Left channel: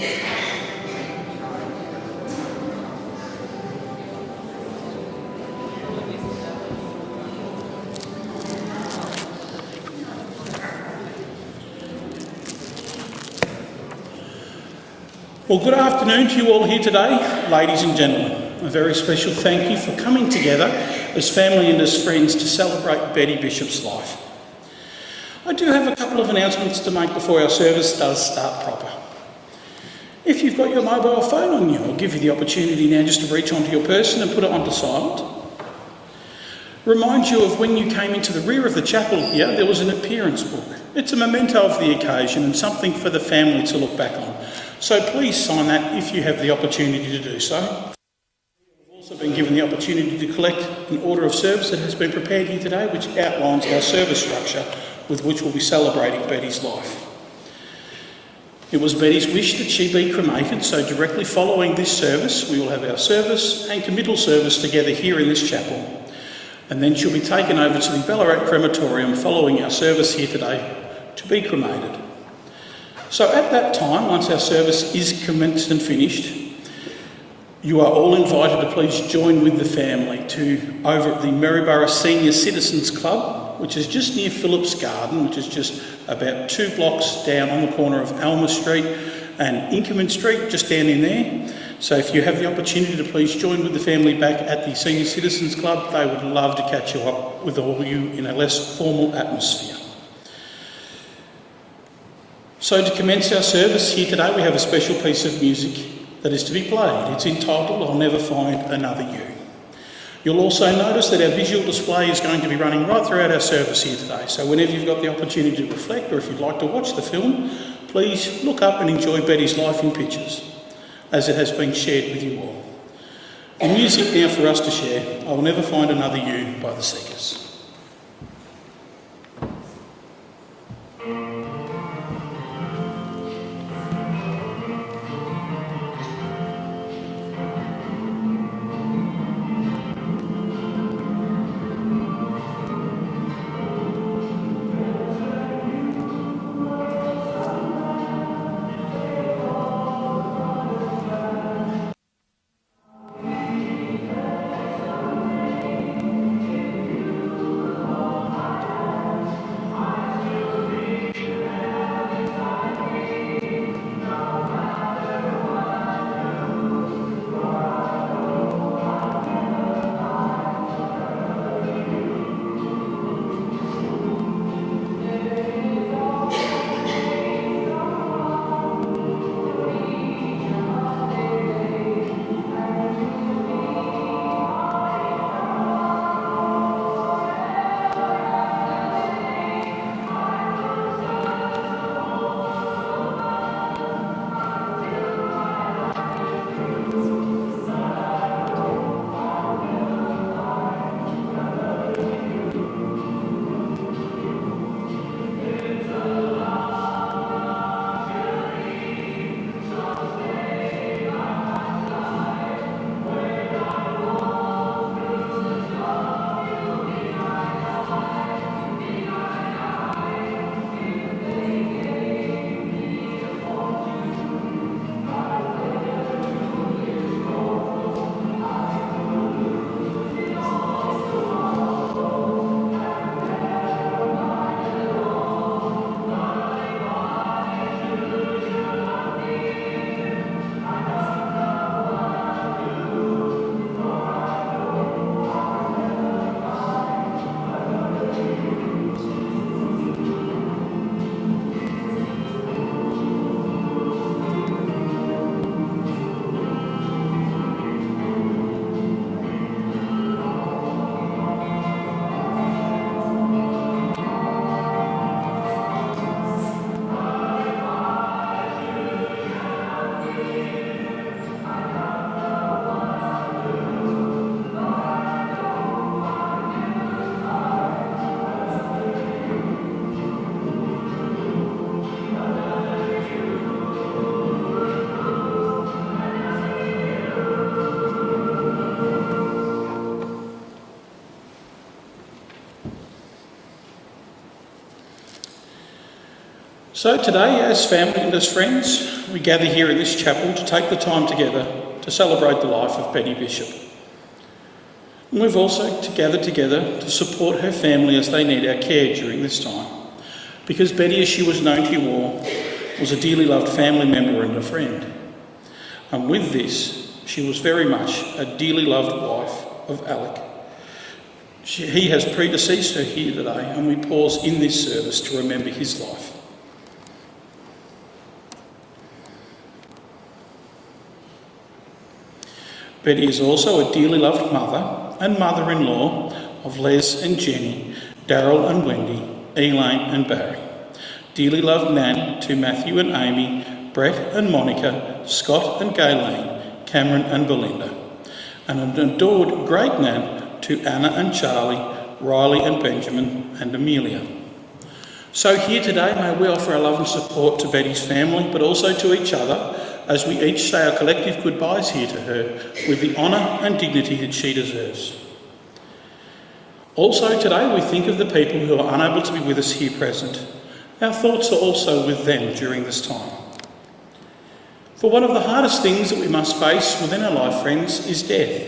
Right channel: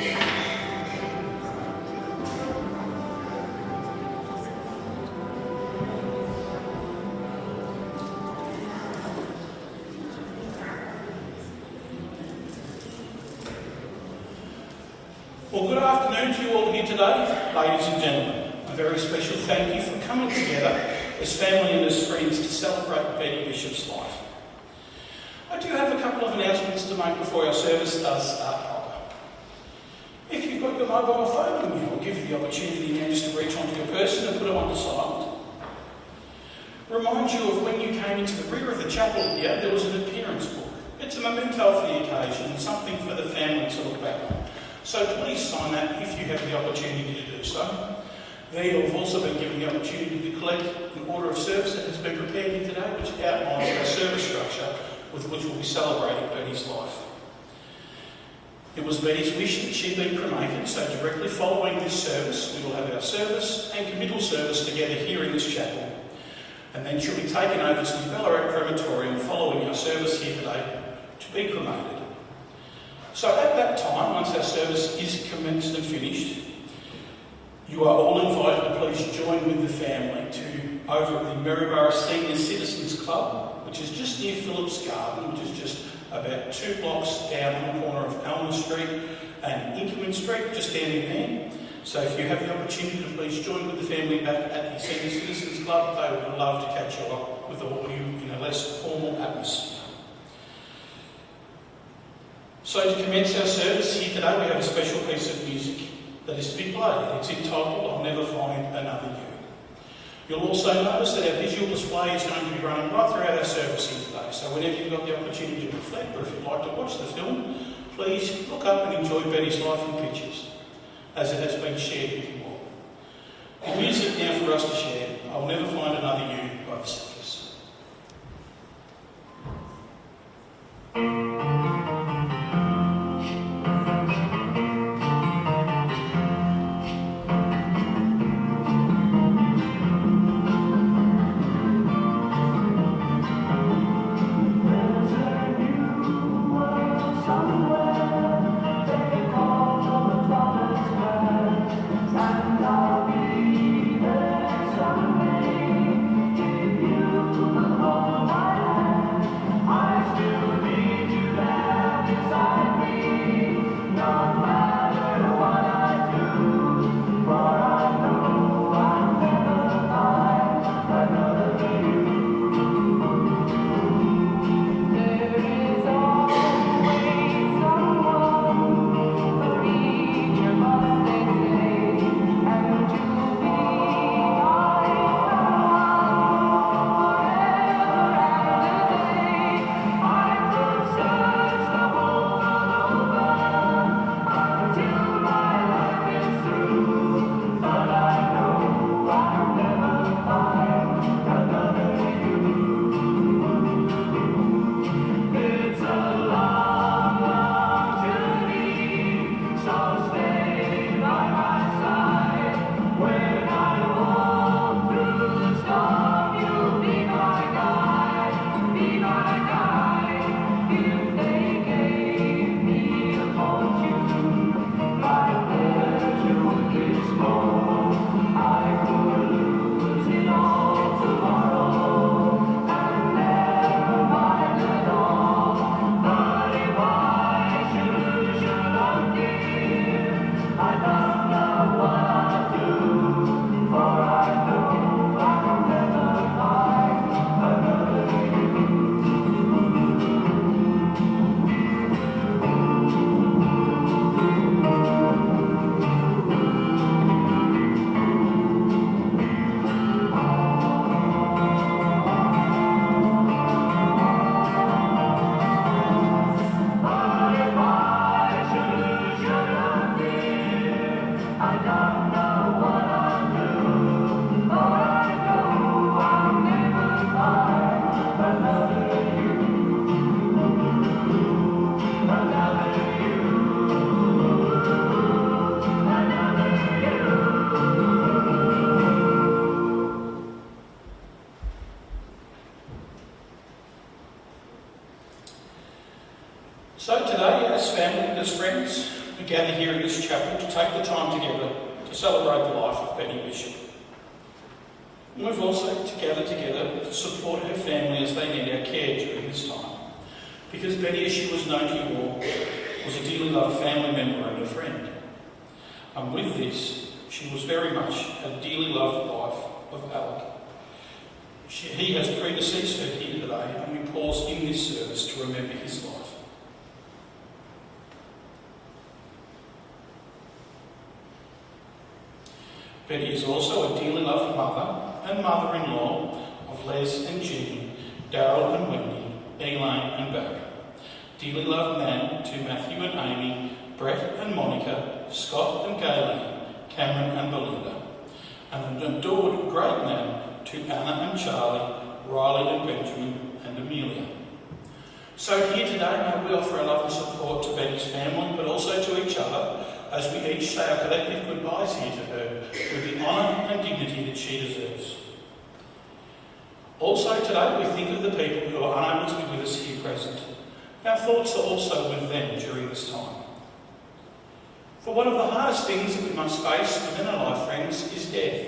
Well, good afternoon to you all here today, ladies and gentlemen. A very special thank you for coming together as family and as friends to celebrate Betty Bishop's life. I do have a couple of announcements to make before our service does start proper. If you've got your mobile phone on you, I'll give you the opportunity now just to reach onto your person and put it onto silent. Remind you of when you came into the rear of the chapel here, there was an appearance book. It's a memento of the occasion and something for the family to look back on. So please sign that if you have the opportunity to do so. There you've also been given the opportunity to collect the order of service that has been prepared here today, which outlines our service structure with which we'll be celebrating Betty's life. It was Betty's wish that she be cremated, so directly following this service, we will have our service and committal service together here in this chapel. And then she'll be taken over to the Ballarat Crematorium following our service here today to be cremated. So at that time, once our service is commenced and finished, you are all invited to please join with the family over at the Maryborough Senior Citizens Club, which is just near Phillips Garden, which is just about 2 blocks down on the corner of Alma Street and Inkerman Street, just down in there. So if you have the opportunity to please join with the family back at the Senior Citizens Club, they would love to catch you up with all of you in a less formal atmosphere. So to commence our service here today, we have a special piece of music that is to be played. It's entitled, I'll Never Find Another You. You'll also notice that our visual display is going to be running right throughout our service here today. So whenever you've got the opportunity to reflect, or if you'd like to watch the film, please look up and enjoy Betty's life in pictures, as it has been shared with you all. The music now for us to share, I'll Never Find Another You by the Seekers. So today, as family and as friends, we gather here in this chapel to take the time together to celebrate the life of Betty Bishop. And we've also gathered together to support her family as they need our care during this time. Because Betty, as she was known to you all, was a dearly loved family member and a friend. And with this, she was very much a dearly loved wife of Alec. He has predeceased her here today, and we pause in this service to remember his life. Betty is also a dearly loved mother and mother-in-law of Les and Jenny, Daryl and Wendy, Elaine and Barry. Dearly loved Nan to Matthew and Amy, Brett and Monica, Scott and Gayleen, Cameron and Belinda. And an adored great Nan to Anna and Charlie, Riley and Benjamin and Amelia. So here today may we offer our love and support to Betty's family, but also to each other, as we each say our collective goodbyes here to her with the honour and dignity that she deserves. Also today we think of the people who are unable to be with us here present. Our thoughts are also with them during this time. For one of the hardest things that we must face within our life, friends, is death.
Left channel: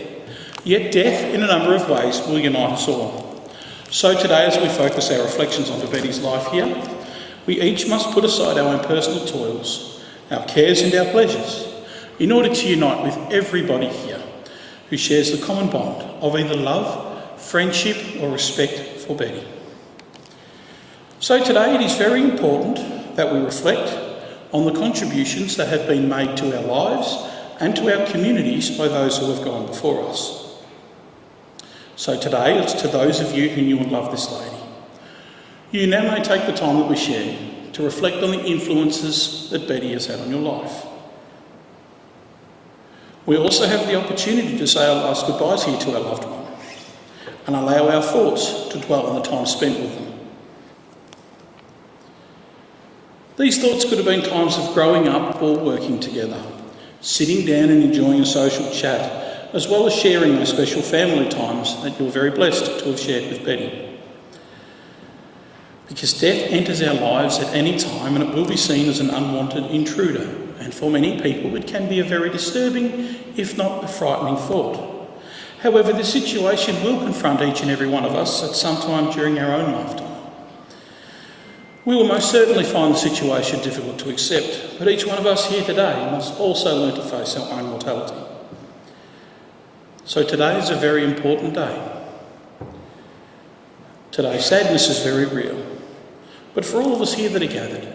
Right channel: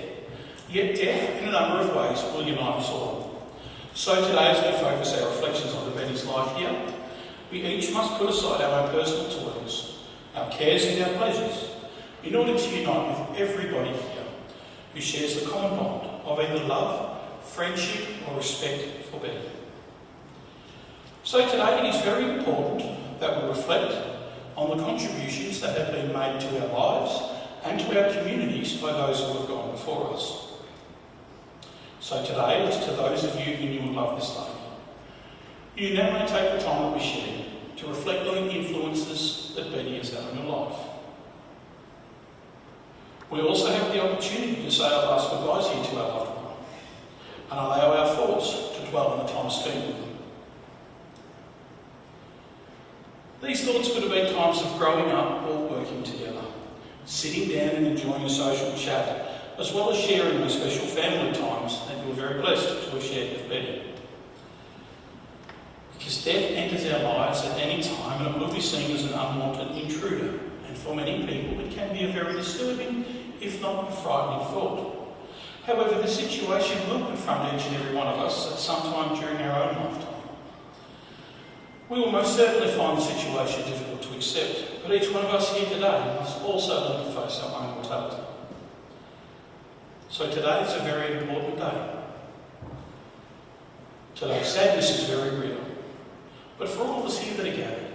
Yet death in a number of ways will unite us all. So today, as we focus our reflections onto Betty's life here, we each must put aside our own personal toils, our cares and our pleasures, in order to unite with everybody here who shares the common bond of either love, friendship or respect for Betty. So today it is very important that we reflect on the contributions that have been made to our lives and to our communities by those who have gone before us. So today it's to those of you who knew and loved this lady. You now may take the time that we share to reflect on the influences that Betty has had on your life. We also have the opportunity to say our last goodbyes here to our loved one and allow our thoughts to dwell on the time spent with them. These thoughts could have been times of growing up or working together, sitting down and enjoying a social chat, as well as sharing those special family times that you're very blessed to have shared with Betty. Because death enters our lives at any time and it will be seen as an unwanted intruder, and for many people it can be a very disturbing, if not a frightening thought. However, this situation will confront each and every one of us at some time during our own lifetime. We will most certainly find the situation difficult to accept, but each one of us here today must also learn to face our own mortality. So today is a very important day. Today's sadness is very real. But for all of us here that are gathered,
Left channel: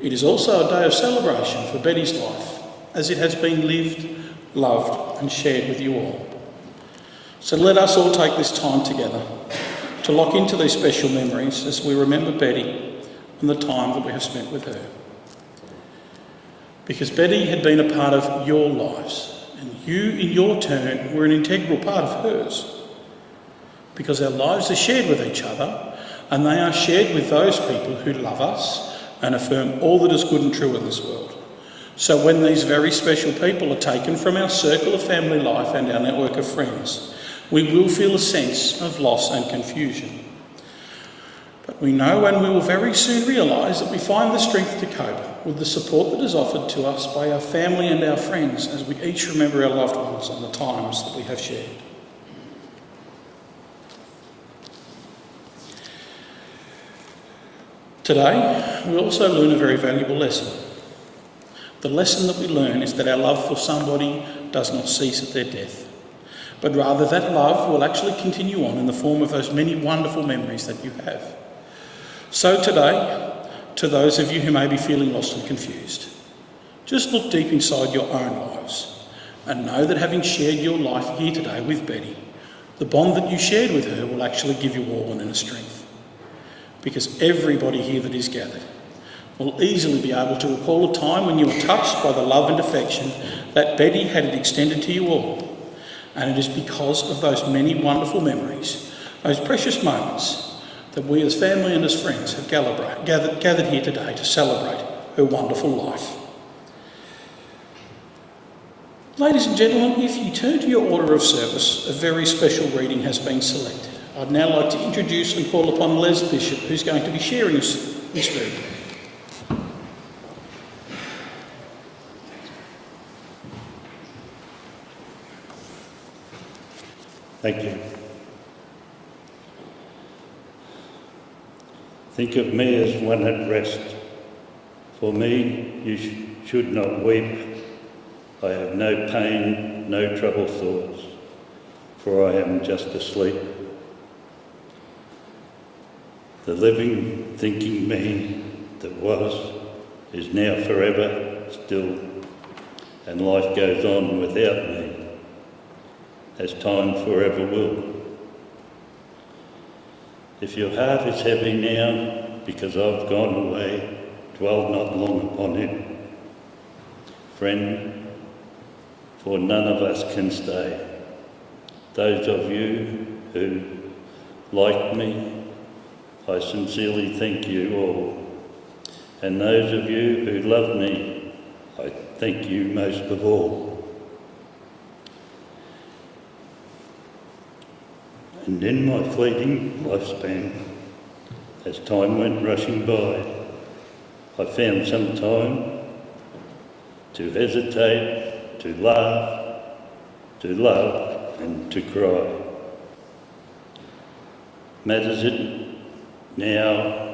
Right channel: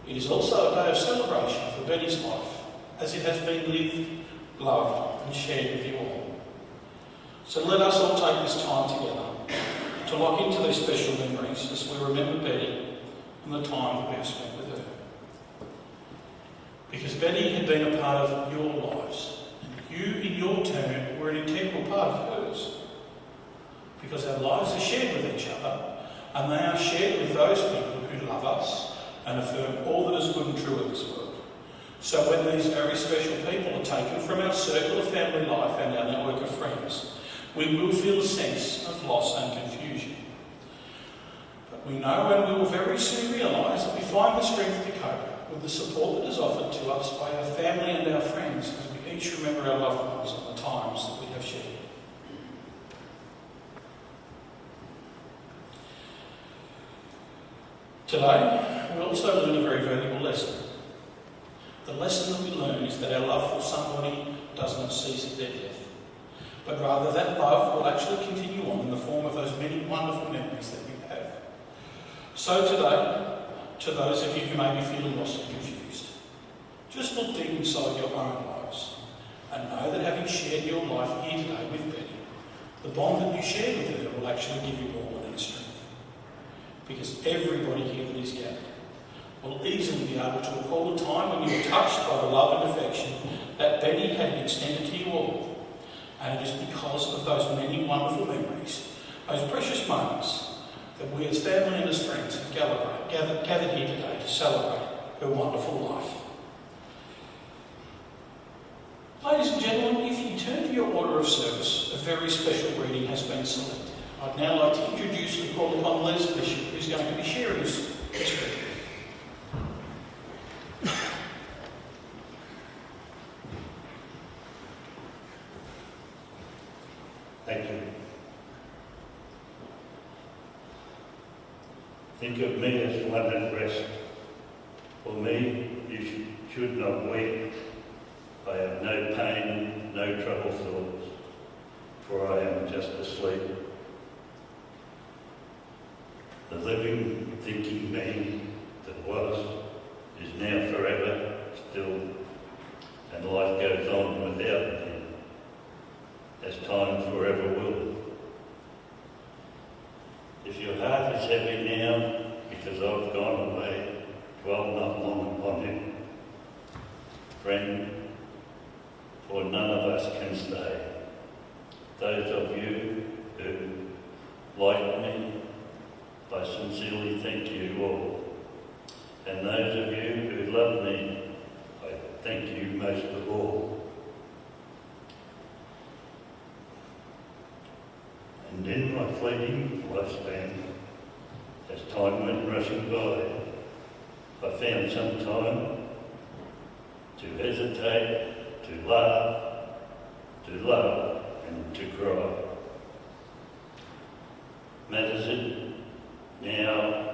it is also a day of celebration for Betty's life, as it has been lived, loved and shared with you all. So let us all take this time together to lock into these special memories as we remember Betty and the time that we have spent with her. Because Betty had been a part of your lives, and you in your turn were an integral part of hers. Because our lives are shared with each other, and they are shared with those people who love us and affirm all that is good and true in this world. So when these very special people are taken from our circle of family life and our network of friends, we will feel a sense of loss and confusion. But we know and we will very soon realise that we find the strength to cope with the support that is offered to us by our family and our friends as we each remember our loved ones and the times that we have shared. Today, we also learn a very valuable lesson. The lesson that we learn is that our love for somebody does not cease at their death, but rather that love will actually continue on in the form of those many wonderful memories that you have. So today, to those of you who may be feeling lost and confused, just look deep inside your own lives and know that having shared your life here today with Betty, the bond that you shared with her will actually give you all an inner strength. Because everybody here that is gathered will easily be able to recall a time when you were touched by the love and affection that Betty had extended to you all. And it is because of those many wonderful memories, those precious moments, that we as family and as friends have gathered here today to celebrate her wonderful life. Ladies and gentlemen, if you turn to your order of service, a very special reading has been selected. I'd now like to introduce and call upon Les Bishop, who's going to be sharing this reading. Thank you. Think of me as one at rest. For me, you should not weep. I have no pain, no troubled thoughts, for I am just asleep. The living, thinking me that was, is now forever still, and life goes on without me, as time forever will. If your heart is heavy now, because I've gone away, dwell not long upon it. Friend, for none of us can stay. Those of you who, like me, I sincerely thank you all. And those of you who love me, I thank you most of all. And in my fleeting lifespan, as time went rushing by, I found some time to hesitate, to laugh, to love, and to cry. Matters it now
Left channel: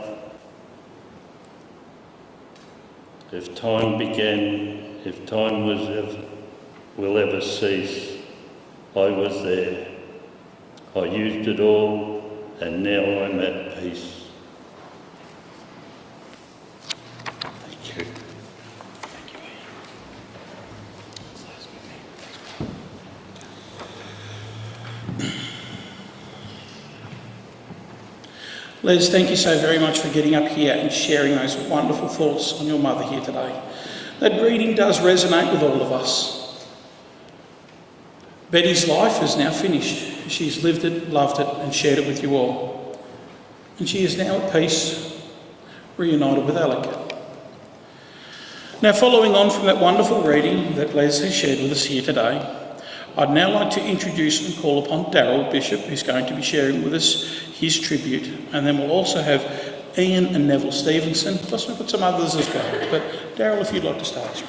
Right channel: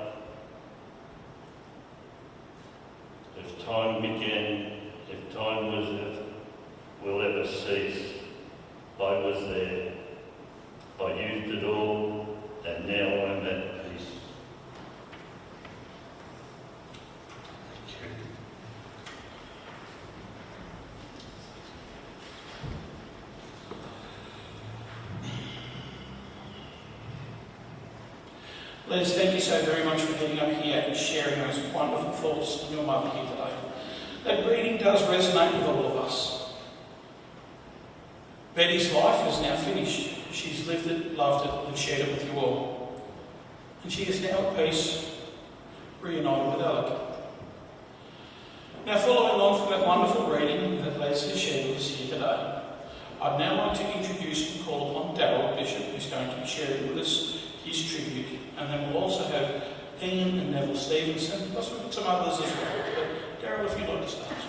if time began, if time will ever cease? I was there. I used it all, and now I'm at peace. Thank you. Les, thank you so very much for getting up here and sharing those wonderful thoughts on your mother here today. That reading does resonate with all of us. Betty's life is now finished. She's lived it, loved it, and shared it with you all. And she is now at peace, reunited with Alec. Now, following on from that wonderful reading that Les has shared with us here today, I'd now like to introduce and call upon Daryl Bishop, who's going to be sharing with us his tribute. And then we'll also have Ian and Neville Stevenson, plus we've got some others as well. But Daryl, if you'd like to start us.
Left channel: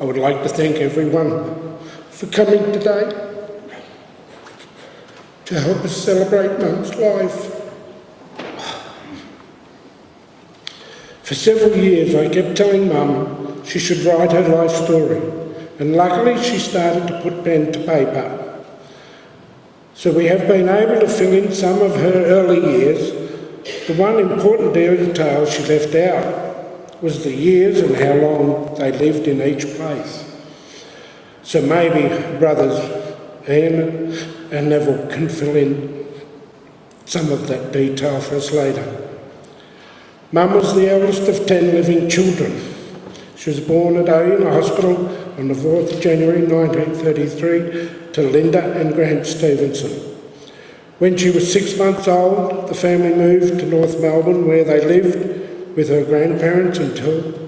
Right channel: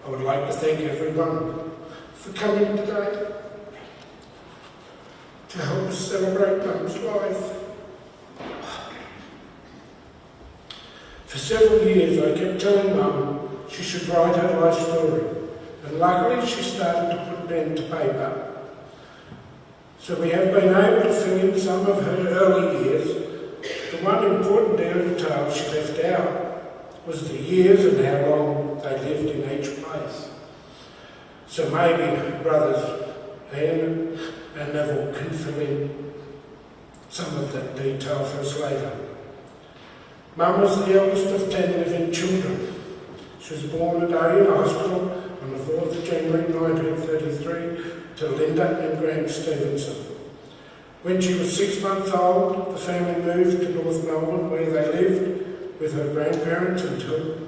I would like to thank everyone for coming today to help us celebrate Mum's life. For several years I kept telling Mum she should write her life story, and luckily she started to put pen to paper. So we have been able to fill in some of her early years. The one important detail she left out was the years and how long they lived in each place. So maybe brothers Ian and Neville can fill in some of that detail for us later. Mum was the eldest of 10 living children. She was born at Owen Hospital on the 4th of January 1933 to Linda and Grant Stevenson. When she was 6 months old, the family moved to North Melbourne, where they lived with her grandparents until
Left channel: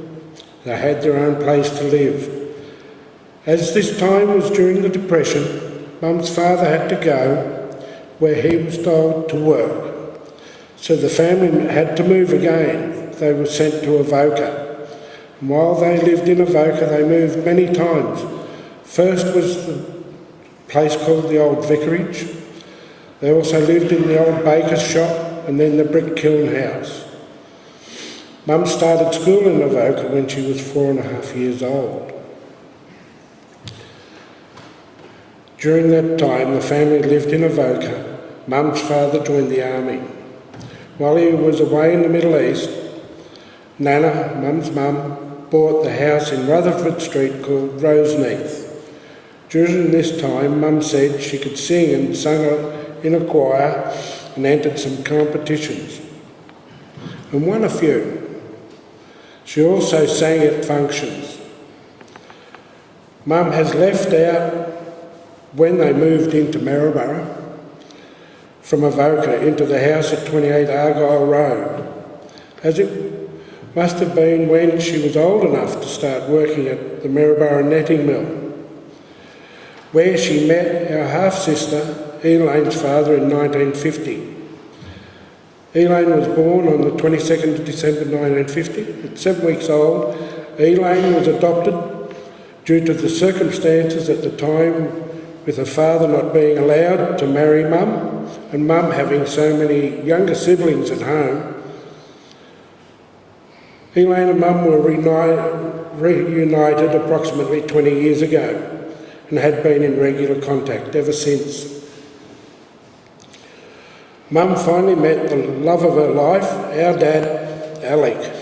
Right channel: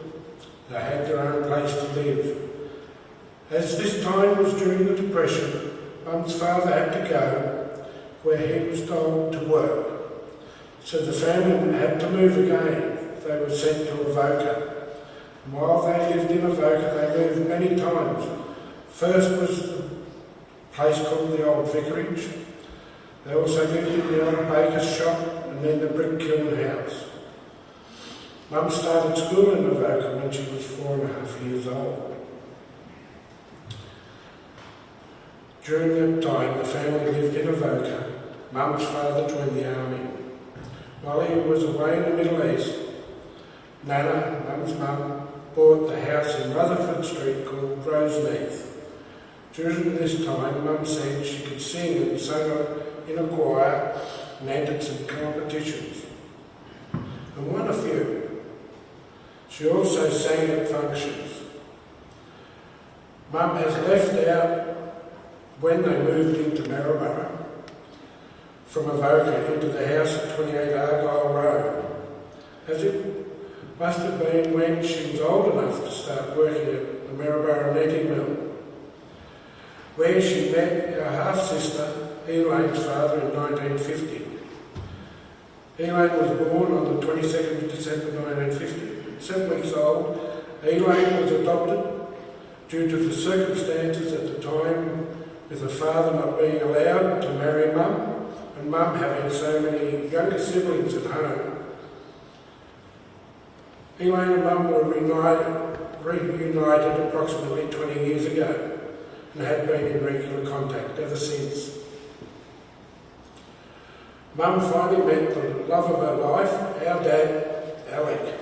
they had their own place to live. As this time was during the Depression, Mum's father had to go where he was told to work. So the family had to move again. They were sent to Avoca. And while they lived in Avoca, they moved many times. First was the place called the Old Vicarage. They also lived in the old baker's shop and then the brick kiln house. Mum started school in Avoca when she was 4.5 years old. During that time, the family lived in Avoca. Mum's father joined the army. While he was away in the Middle East, Nana, Mum's mum, bought the house in Rutherford Street called Roseneath. During this time, Mum said she could sing and sung in a choir and entered some competitions and won a few. She also sang at functions. Mum has left out when they moved into Maryborough from Avoca into the house at 28 Argyle Road, as it must have been when she was old enough to start working at the Maryborough netting mill, where she met our half-sister Elaine's father in 1950. Elaine was born on the 22nd of December 1950. At 7 weeks old, Elaine was adopted due to the circumstances at the time, with her father not being allowed to marry Mum and Mum having so many younger siblings at home. Elaine and Mum were reunited approximately 20 years ago and had been in regular contact ever since. Mum finally met the love of her life, our dad, Alec,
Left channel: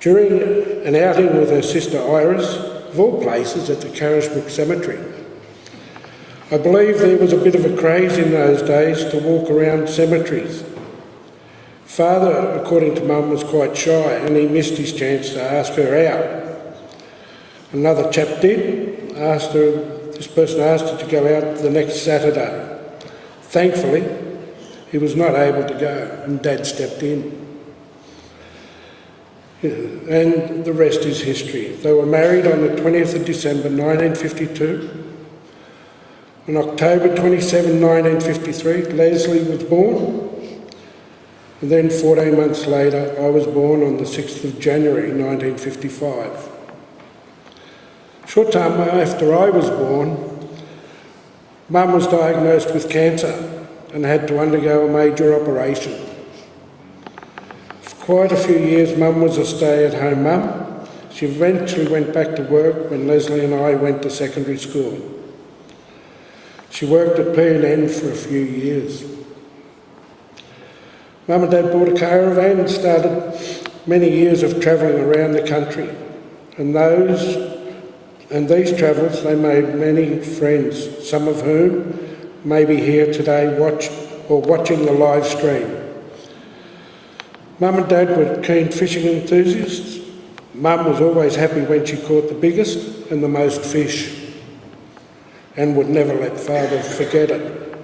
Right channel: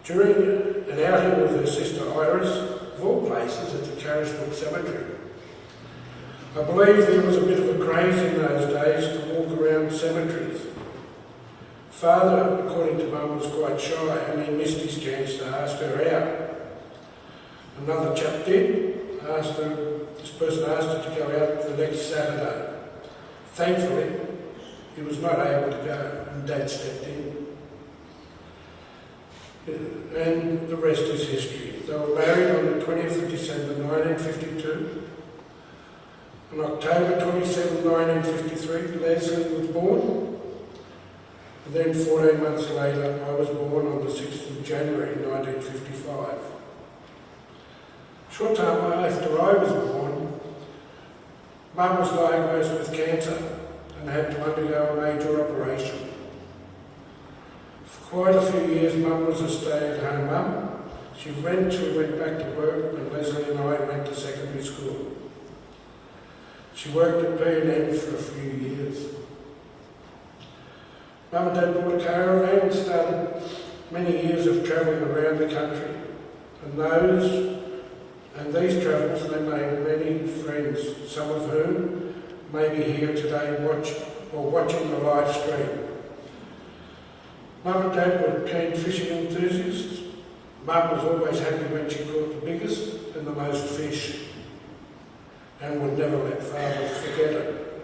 during an outing with her sister Iris, of all places at the Carisbrook Cemetery. I believe there was a bit of a craze in those days to walk around cemeteries. Father, according to Mum, was quite shy and he missed his chance to ask her out. Another chap did. This person asked her to go out the next Saturday. Thankfully, he was not able to go and Dad stepped in. And the rest is history. They were married on the 20th of December 1952. On October 27, 1953, Leslie was born. And then 14 months later, I was born on the 6th of January 1955. Short time after I was born, Mum was diagnosed with cancer and had to undergo a major operation. For quite a few years, Mum was a stay-at-home mum. She eventually went back to work when Leslie and I went to secondary school. She worked at P&N for a few years. Mum and Dad bought a caravan and started many years of travelling around the country. And these travels, they made many friends, some of whom may be here today watching the live stream. Mum and Dad were keen fishing enthusiasts. Mum was always happy when she caught the biggest and the most fish, and would never let Father forget it.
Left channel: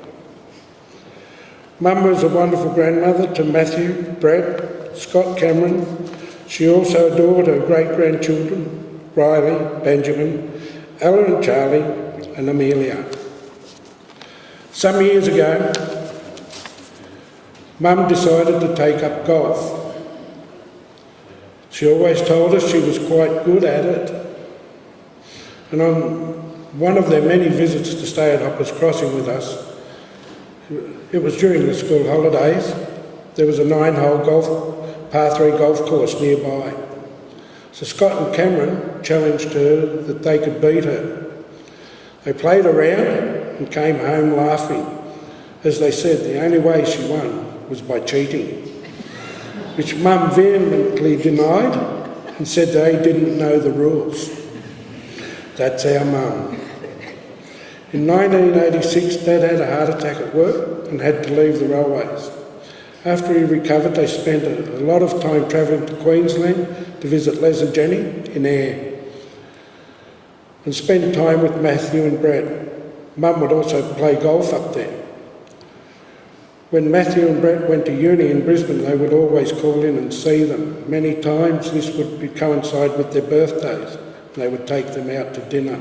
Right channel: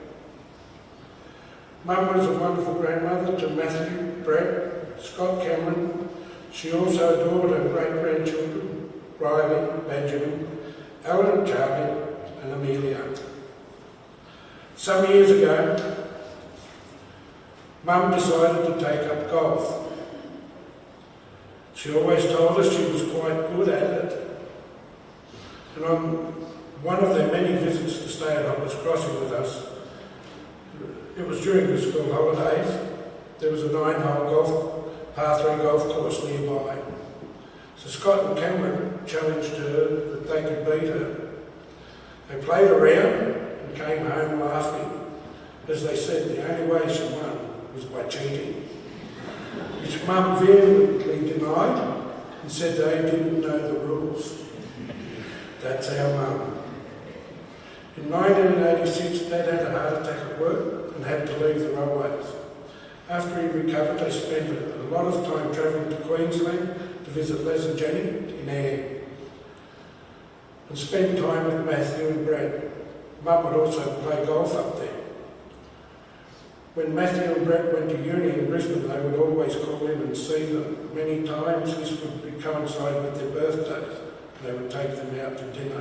Mum was a wonderful grandmother to Matthew, Brett, Scott, Cameron. She also adored her great-grandchildren, Riley, Benjamin, Ellen and Charlie, and Amelia. Some years ago, Mum decided to take up golf. She always told us she was quite good at it. And on one of their many visits to stay at Hoppers Crossing with us, it was during the school holidays, there was a 9-hole par 3 golf course nearby. So Scott and Cameron challenged her that they could beat her. They played around and came home laughing. As they said, the only way she won was by cheating, which Mum vehemently denied and said they didn't know the rules. That's our Mum. In 1986, Dad had a heart attack at work and had to leave the railways. After he recovered, they spent a lot of time travelling to Queensland to visit Les and Jenny in Ayr and spend time with Matthew and Brett. Mum would also play golf up there. When Matthew and Brett went to uni in Brisbane, they would always call in and see them. Many times this would coincide with their birthdays. They would take them out to dinner.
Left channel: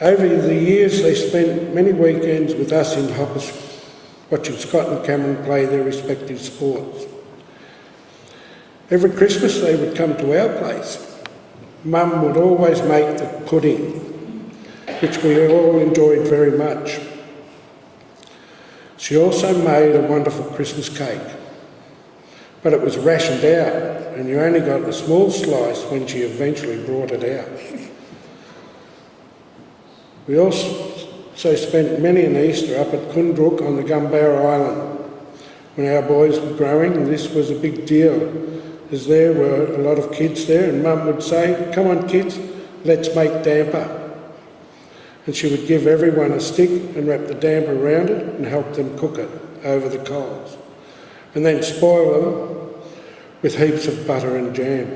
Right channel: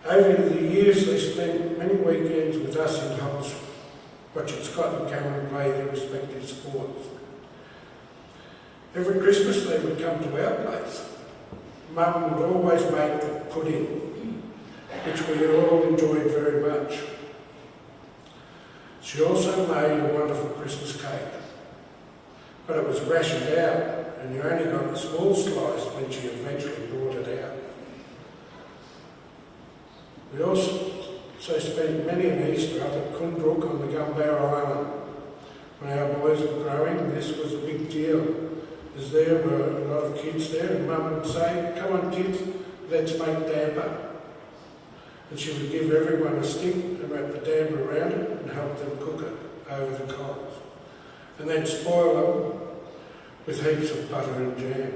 Over the years, they spent many weekends with us in Hoppers, watching Scott and Cameron play their respective sports. Every Christmas, they would come to our place. Mum would always make the pudding, which we all enjoyed very much. She also made a wonderful Christmas cake, but it was rationed out and you only got a small slice when she eventually brought it out. We also spent many an Easter up at Kunbrook on the Gumbarra Island. When our boys were growing, this was a big deal, as there were a lot of kids there, and Mum would say, "Come on kids, let's make damper." And she would give everyone a stick and wrap the damper around it and help them cook it over the coals, and then spoil them with heaps of butter and jam.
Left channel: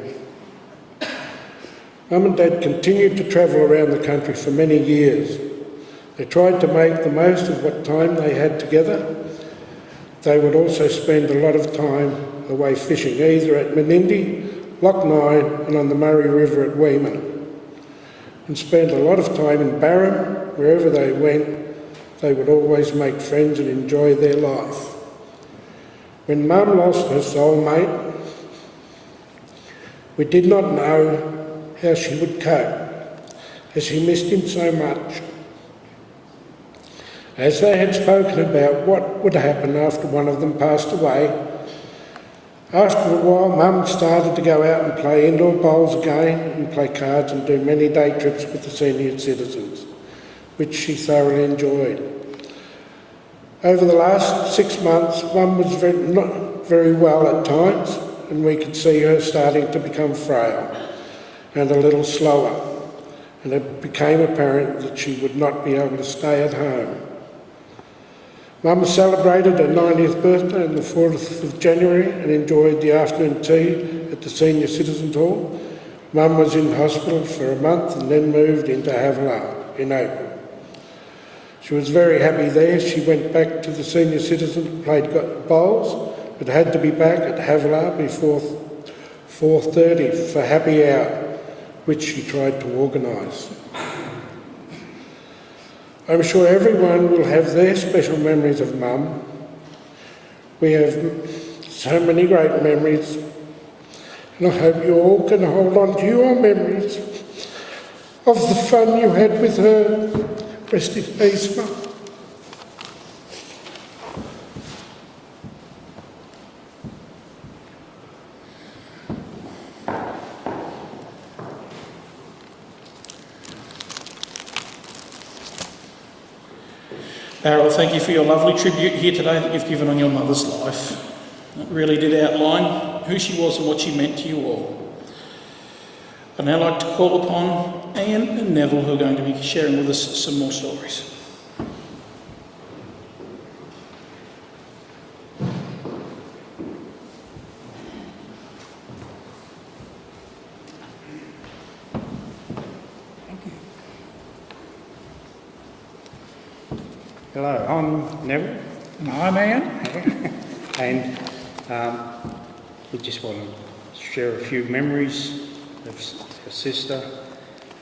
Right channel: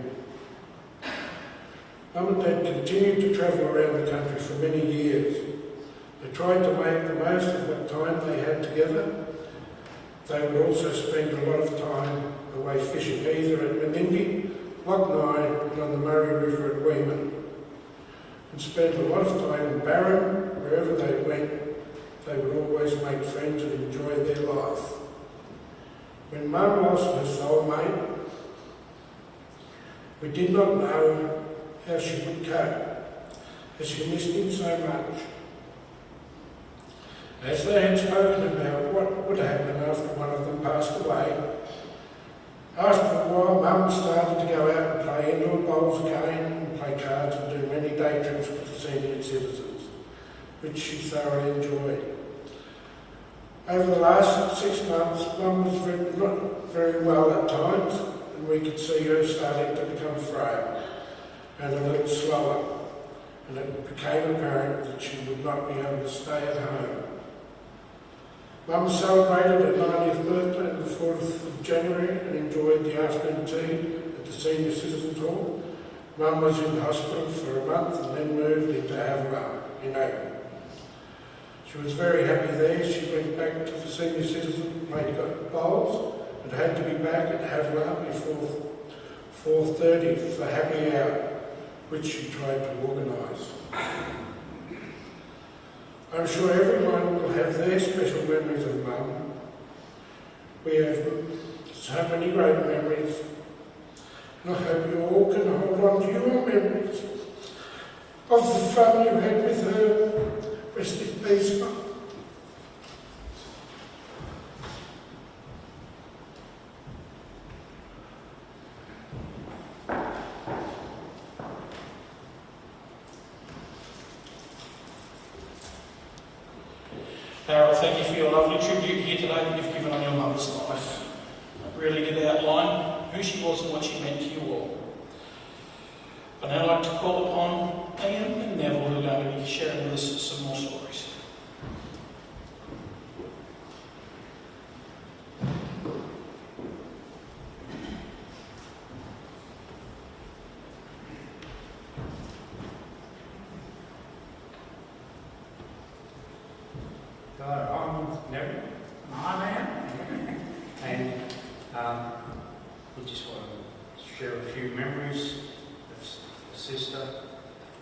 Mum and Dad continued to travel around the country for many years. They tried to make the most of what time they had together. They would also spend a lot of time away fishing, either at Menindee, Loch Nine and on the Murray River at Weeman, and spend a lot of time in Barham. Wherever they went, they would always make friends and enjoy their life. When Mum lost her soulmate, we did not know how she would cope, as she missed him so much. As they had spoken about what would happen after one of them passed away, after a while Mum started to go out and play indoor bowls again and play cards and do many day trips with the senior citizens, which she thoroughly enjoyed. Over the last 6 months, Mum was not very well at times, and we could see her starting to become frail and a little slower, and it became apparent that she would not be able to stay at home. Mum celebrated her 90th birthday on the 4th of January and enjoyed the afternoon tea at the Senior Citizens Hall. Mum was in hospital for a month and then moved into Havilah in April. She was very happy there. She went back to the Senior Citizen, played bowls, but had to be back at Havilah before 4:30 for happy hour, which she tried to organise. I'm sure everyone will have their special memories of Mum. We have so many great memories, and I hope you all can hold on to your memories of the fun you had with her. Rest in peace, Mum. Harold, thank you for your lovely tribute here today that you've given on your mother's life. It really did outline who she was and what she meant to you all. I'd now like to call upon Ian and Neville, who are going to be sharing with us some more stories. Hello, I'm Neville. I'm Ian. And we just want to share a few memories of a sister.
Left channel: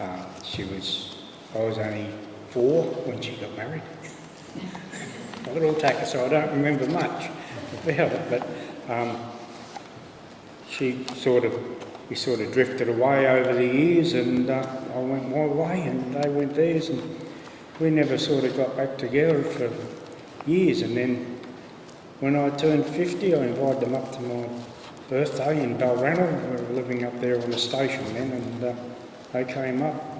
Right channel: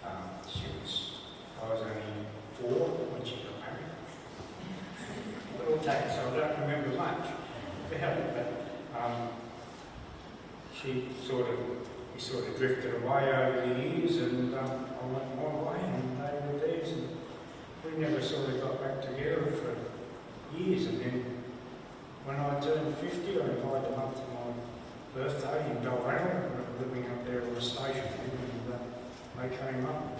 I was only 4 when she got married. A little tacker, so I don't remember much about it, but we sort of drifted away over the years, and I went my way and they went theirs, and we never sort of got back together for years. And then when I turned 50, I invited them up to my birthday in Balranald. We were living up there on the station then, and they came up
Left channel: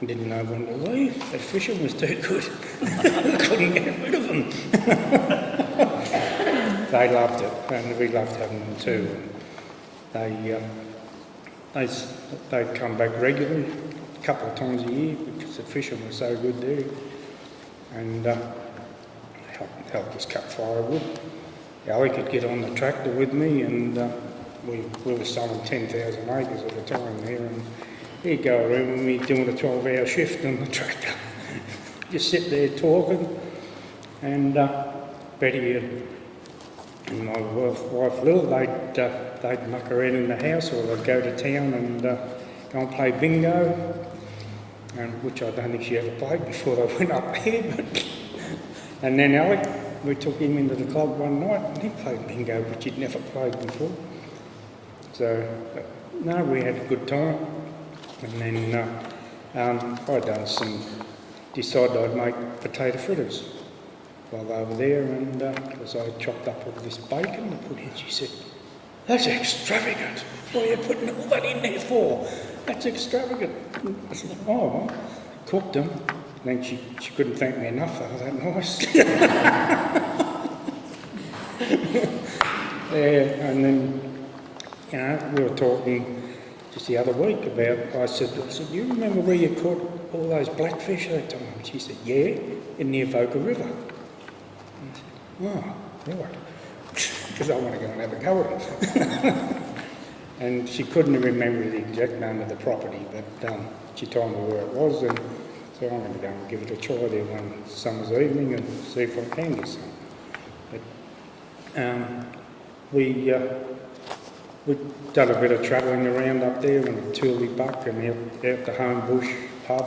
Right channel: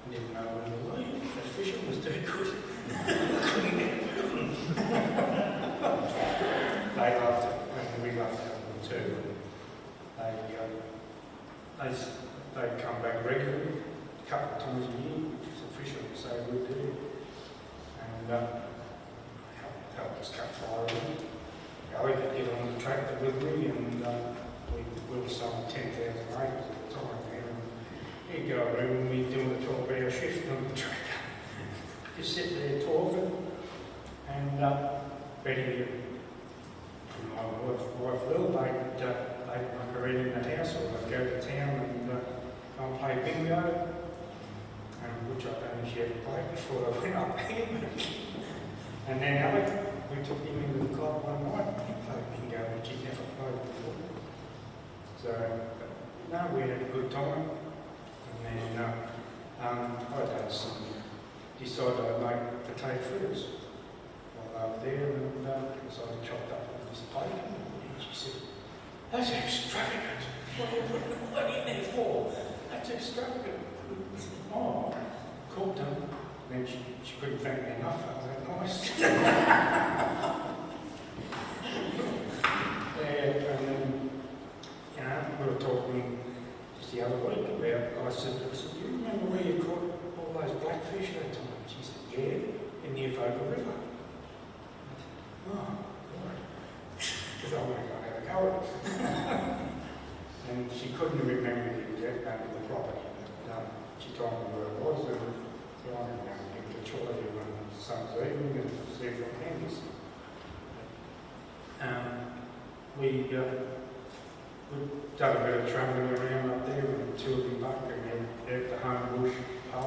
and didn't know when to leave. The fishing was too good. Couldn't get rid of them. They loved it, and we loved having them too. They'd come back regularly, a couple of times a year, because the fishing was so good there. And helped us cut firewood. Ali could get on the tractor with me, and we were selling 10,000 acres at the time there, and he'd go around with me doing a 12-hour shift on the tractor. Just sit there talking, and Betty and my wife Lil, they'd muck around in the house, or they'd go to town and go and play bingo, which I don't think she ever played before they went up there. And then Alec, we took him into the club one night and he played bingo, which he'd never played before. So, no, we had a good time. And then decided I'd make potato fritters while they were there, and because I chopped up all this bacon to put in, she said, "That's extravagant. What are you putting all that in there for? That's extravagant." I said, "Oh, cooked them." And then she couldn't thank me enough, they were that nice. Yeah, and then, we were talking just the other week about, I said, "Do you remember where you caught all those blackfish that time?" And she said, "Yeah, in the Avoca River." And I said, "Oh, right," because I want to go and have a go at it. And she couldn't remember the exact name of the property, but she told me where it was, and so I'm going to go and give it a try there one summer's evening and see if I can do something. But we done a bit of travelling around up there in the Tooley Buck and out the Home Bush pub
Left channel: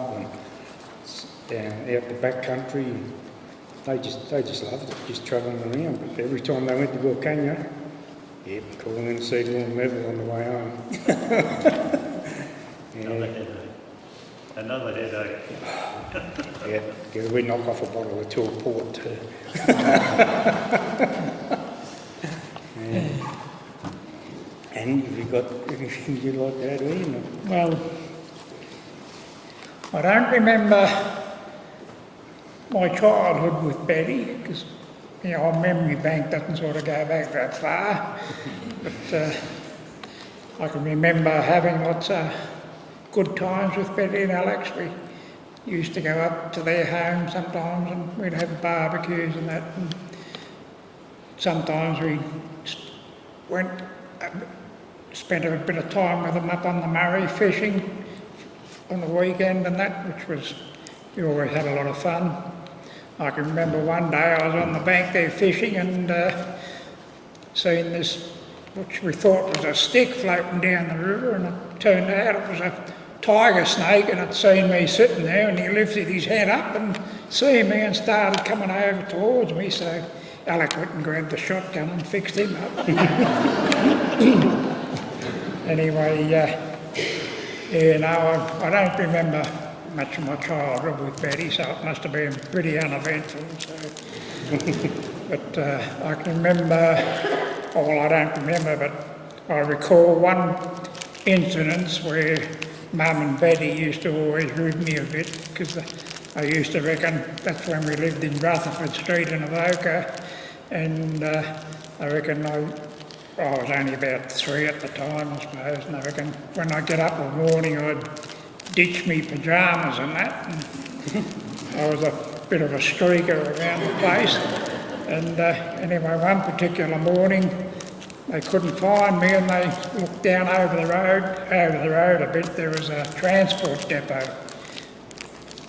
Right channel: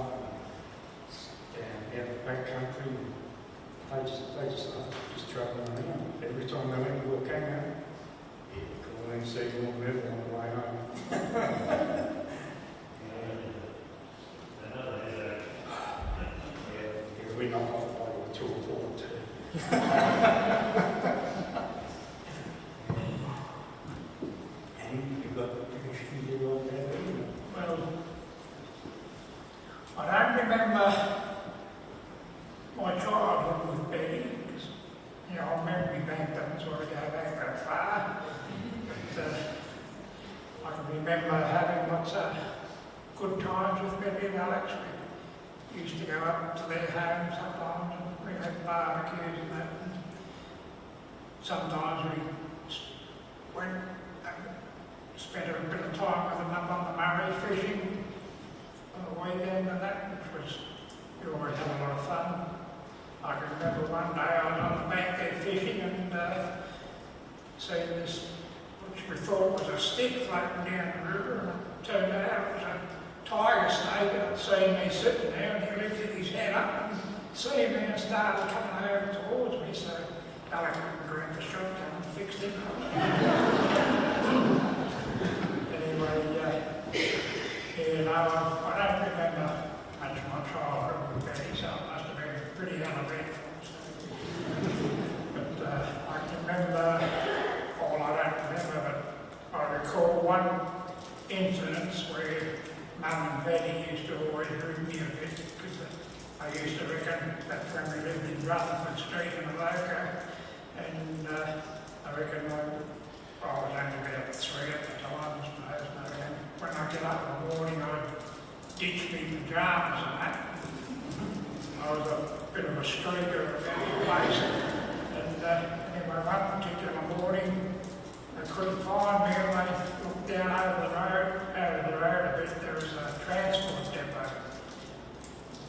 and out the back country. they just loved it, just travelling around. But every time they went to Wilcannia, yeah, calling in Seedlawn Level on the way home. Another headache. Yeah, we knock off a bottle or two of port too. Yeah. And have you got anything you like to add in? Well, I don't remember my childhood with Betty because, you know, our memory bank doesn't sort of go back that far. But I can remember having lots of good times with Betty and Alex. We used to go up to their home sometimes and we'd have barbecues and that. And sometimes we went and spent a bit of time with them up on the Murray fishing on the weekend and that, which was, we always had a lot of fun. I can remember one day I was on the bank there fishing and seen this, which we thought was a stick floating down the river, and it turned out it was a tiger snake, and it seen me sitting there and he lifted his head up and seen me and started coming over towards me, so Alec went and grabbed the shotgun and fixed him up. Anyway, I don't remember much of my childhood with Betty, so it must have been pretty uneventful. So. But I can remember, well, I don't remember, but I recall one incident where Mum and Betty used to always rib me a bit because I used to reckon that's when we lived in Rutherford Street in Avoca, and I reckon I was only about 3 at the time, I suppose, and I reckon when I get up in the morning I'd ditch me pyjamas and that, and I was a bit of a streaker around the place, and anyway, one particular morning they couldn't find me and they looked down over the road a bit. There was a transport depot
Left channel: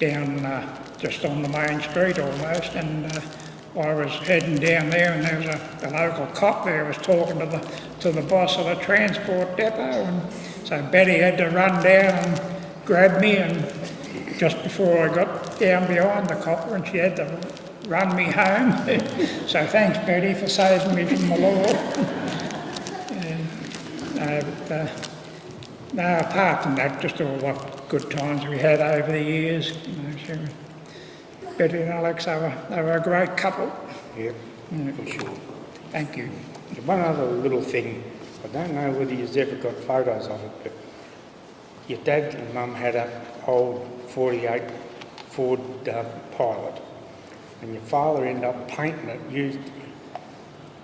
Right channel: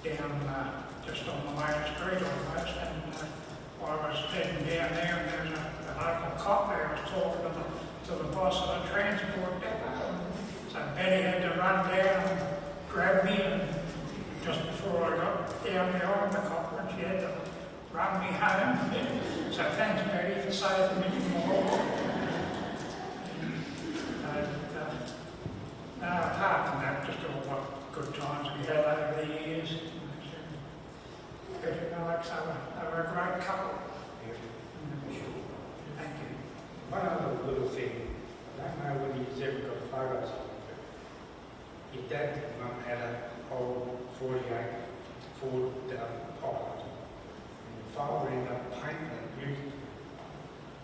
down just on the main street almost, and I was heading down there and there was the local cop there was talking to the boss of the transport depot, and so Betty had to run down and grab me, and just before I got down behind the copper, and she had to run me home. So thanks Betty for saving me from the law. No, apart from that, just all the good times we had over the years. You know, Betty and Alex, they were a great couple. Yeah, for sure. Thank you. One other little thing, I don't know whether you've ever got photos of it, but your dad and mum had an old 48 Ford Pilot, and your father ended up painting it,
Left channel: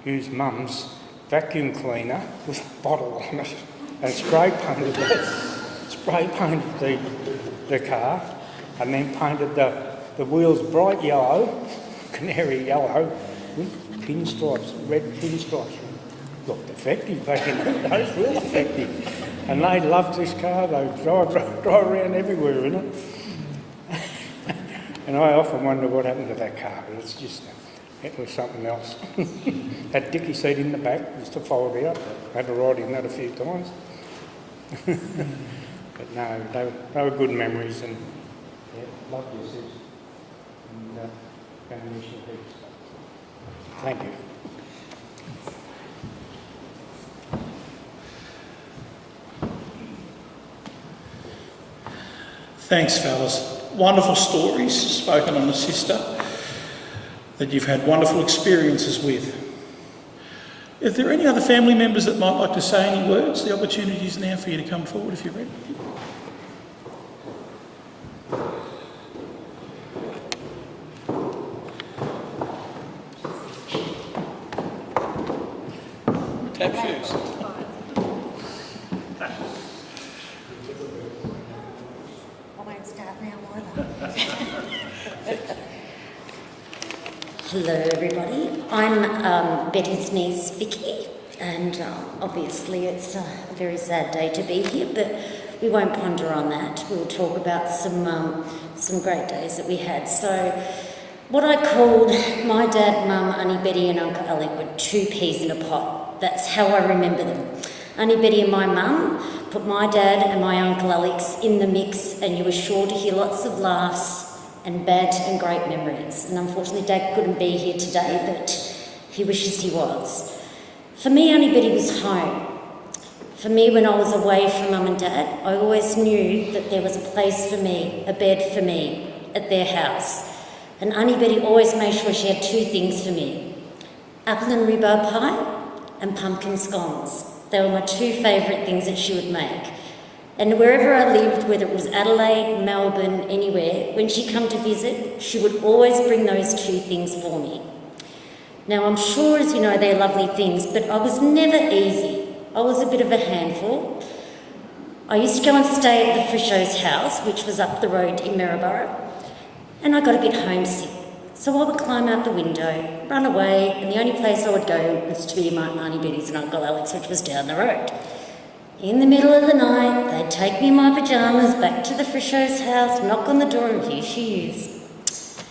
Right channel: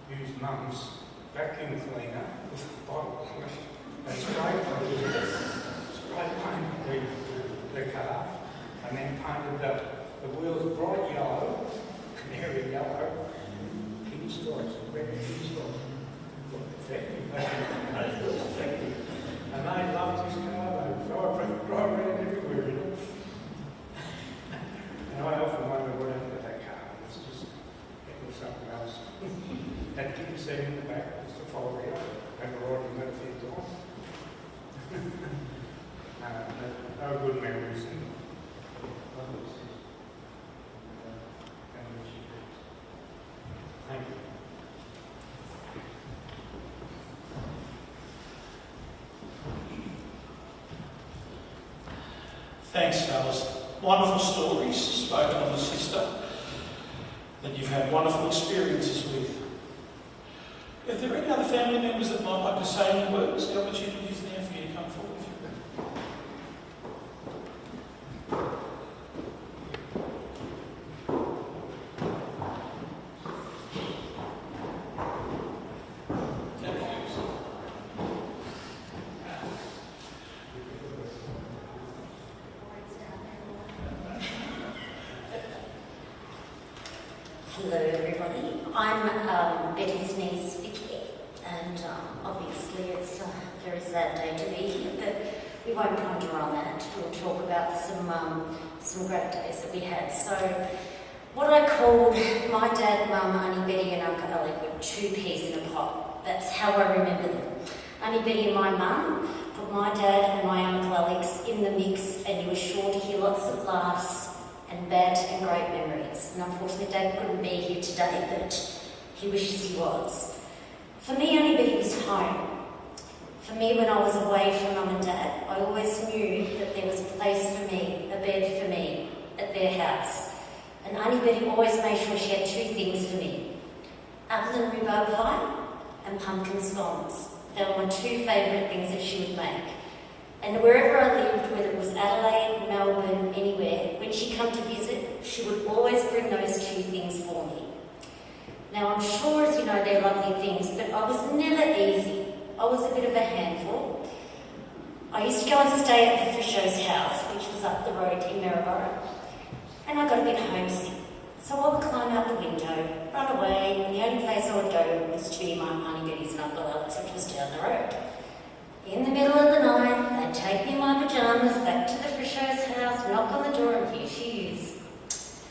used mum's vacuum cleaner with a bottle on it, and spray painted the car, and then painted the wheels bright yellow, canary yellow, with pinstripes, red pinstripes. Looked effective back in the days, real effective. And they loved this car, they drive around everywhere in it. And I often wonder what happened to that car, but it's just, it was something else. Had dicky seat in the back, used to fold out, had to ride in that a few times. But no, they were good memories, and yeah, lovely seats. And ammunition heaps. Thank you. Thanks, fellas. Wonderful stories spoken on the sister that you've had wonderful experiences with. If there are any other family members that might like to say any words, the opportunity is now for you to come forward if you're ready. Tab first. I won't start now either. Hello everybody, I'm Betty's niece Vicky, and obviously it's a very sad day to be here, but we won't ponder on that. We'll talk about some great days that we had. So what I called my dad, mum, Auntie Betty and Uncle Alec were 2 peas in a pot. That's how I remember them. Auntie Betty and my mum put my dad and my Uncle Alex in the mix, and you were sure to hear lots of laughs and bad and great memories. And unfortunately, Dad couldn't be here today, but he wishes he was. For me, Auntie Betty was home. For me, when I was away from Mum and Dad, I always knew that there was a place for me, a bed for me, at their house. And Auntie Betty always made sure she had two things for me: apple and rhubarb pie and pumpkin scones. They were my two favourite things that she would make. And wherever I lived, whether it was Adelaide, Melbourne, anywhere, when she come to visit, she would always bring those two things for me. Now, I'm sure, as you know, they're lovely things, but I was never easy. I was a bit of a handful. I used to go and stay at the Frisho's house, which was up the road in Maryborough, and I got a bit homesick. So I would climb out the window, run away, and the only place I would go was to my Auntie Betty's and Uncle Alex, which was down the road. In the middle of the night, they'd take me in my pyjamas back to the Frisho's house, knock on the door, and here she is.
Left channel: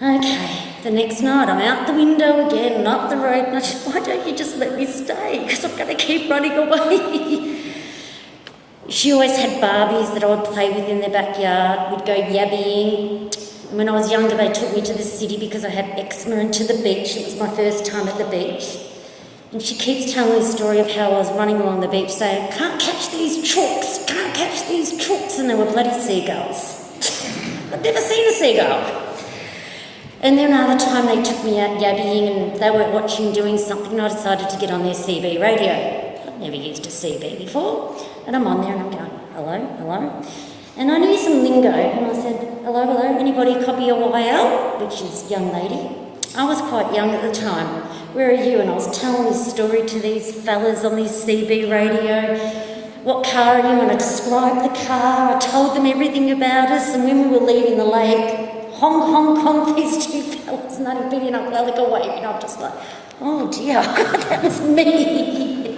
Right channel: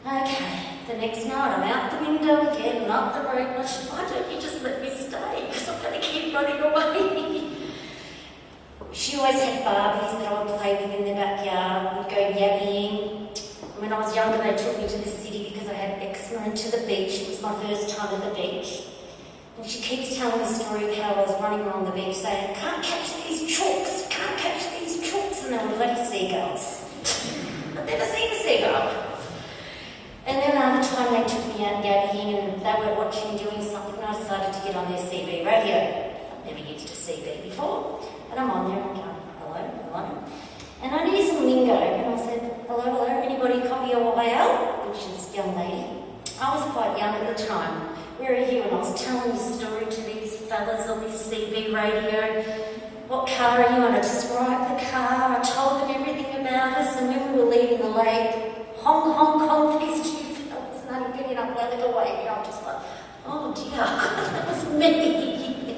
Okay, the next night I'm out the window again, not the road, and I just, why don't you just let me stay? Because I'm going to keep running away. She always had Barbies that I would play with in the backyard. We'd go yabbying. When I was younger, they took me to the city because I had eczema and to the beach. It was my first time at the beach. And she keeps telling the story of how I was running along the beach saying, "Can't catch these chooks, can't catch these chooks," and they were bloody seagulls. I'd never seen a seagull. And then another time they took me out yabbying and they were watching doing something and I decided to get on their CB radio. I'd never used a CB before. And I'm on there and I'm going, "Hello, hello." And I knew some lingo and I said, "Hello, hello, anybody copy a YL?" Which is young lady. I was quite young at the time. "Where are you?" And I was telling this story to these fellas on this CB radio. "What car are you?" And I described the car. I told them everything about us. And when we were leaving the lake, honk, honk, honk, these two fellas, and they'd been up there like a wave, and I'm just like, oh dear, that was me.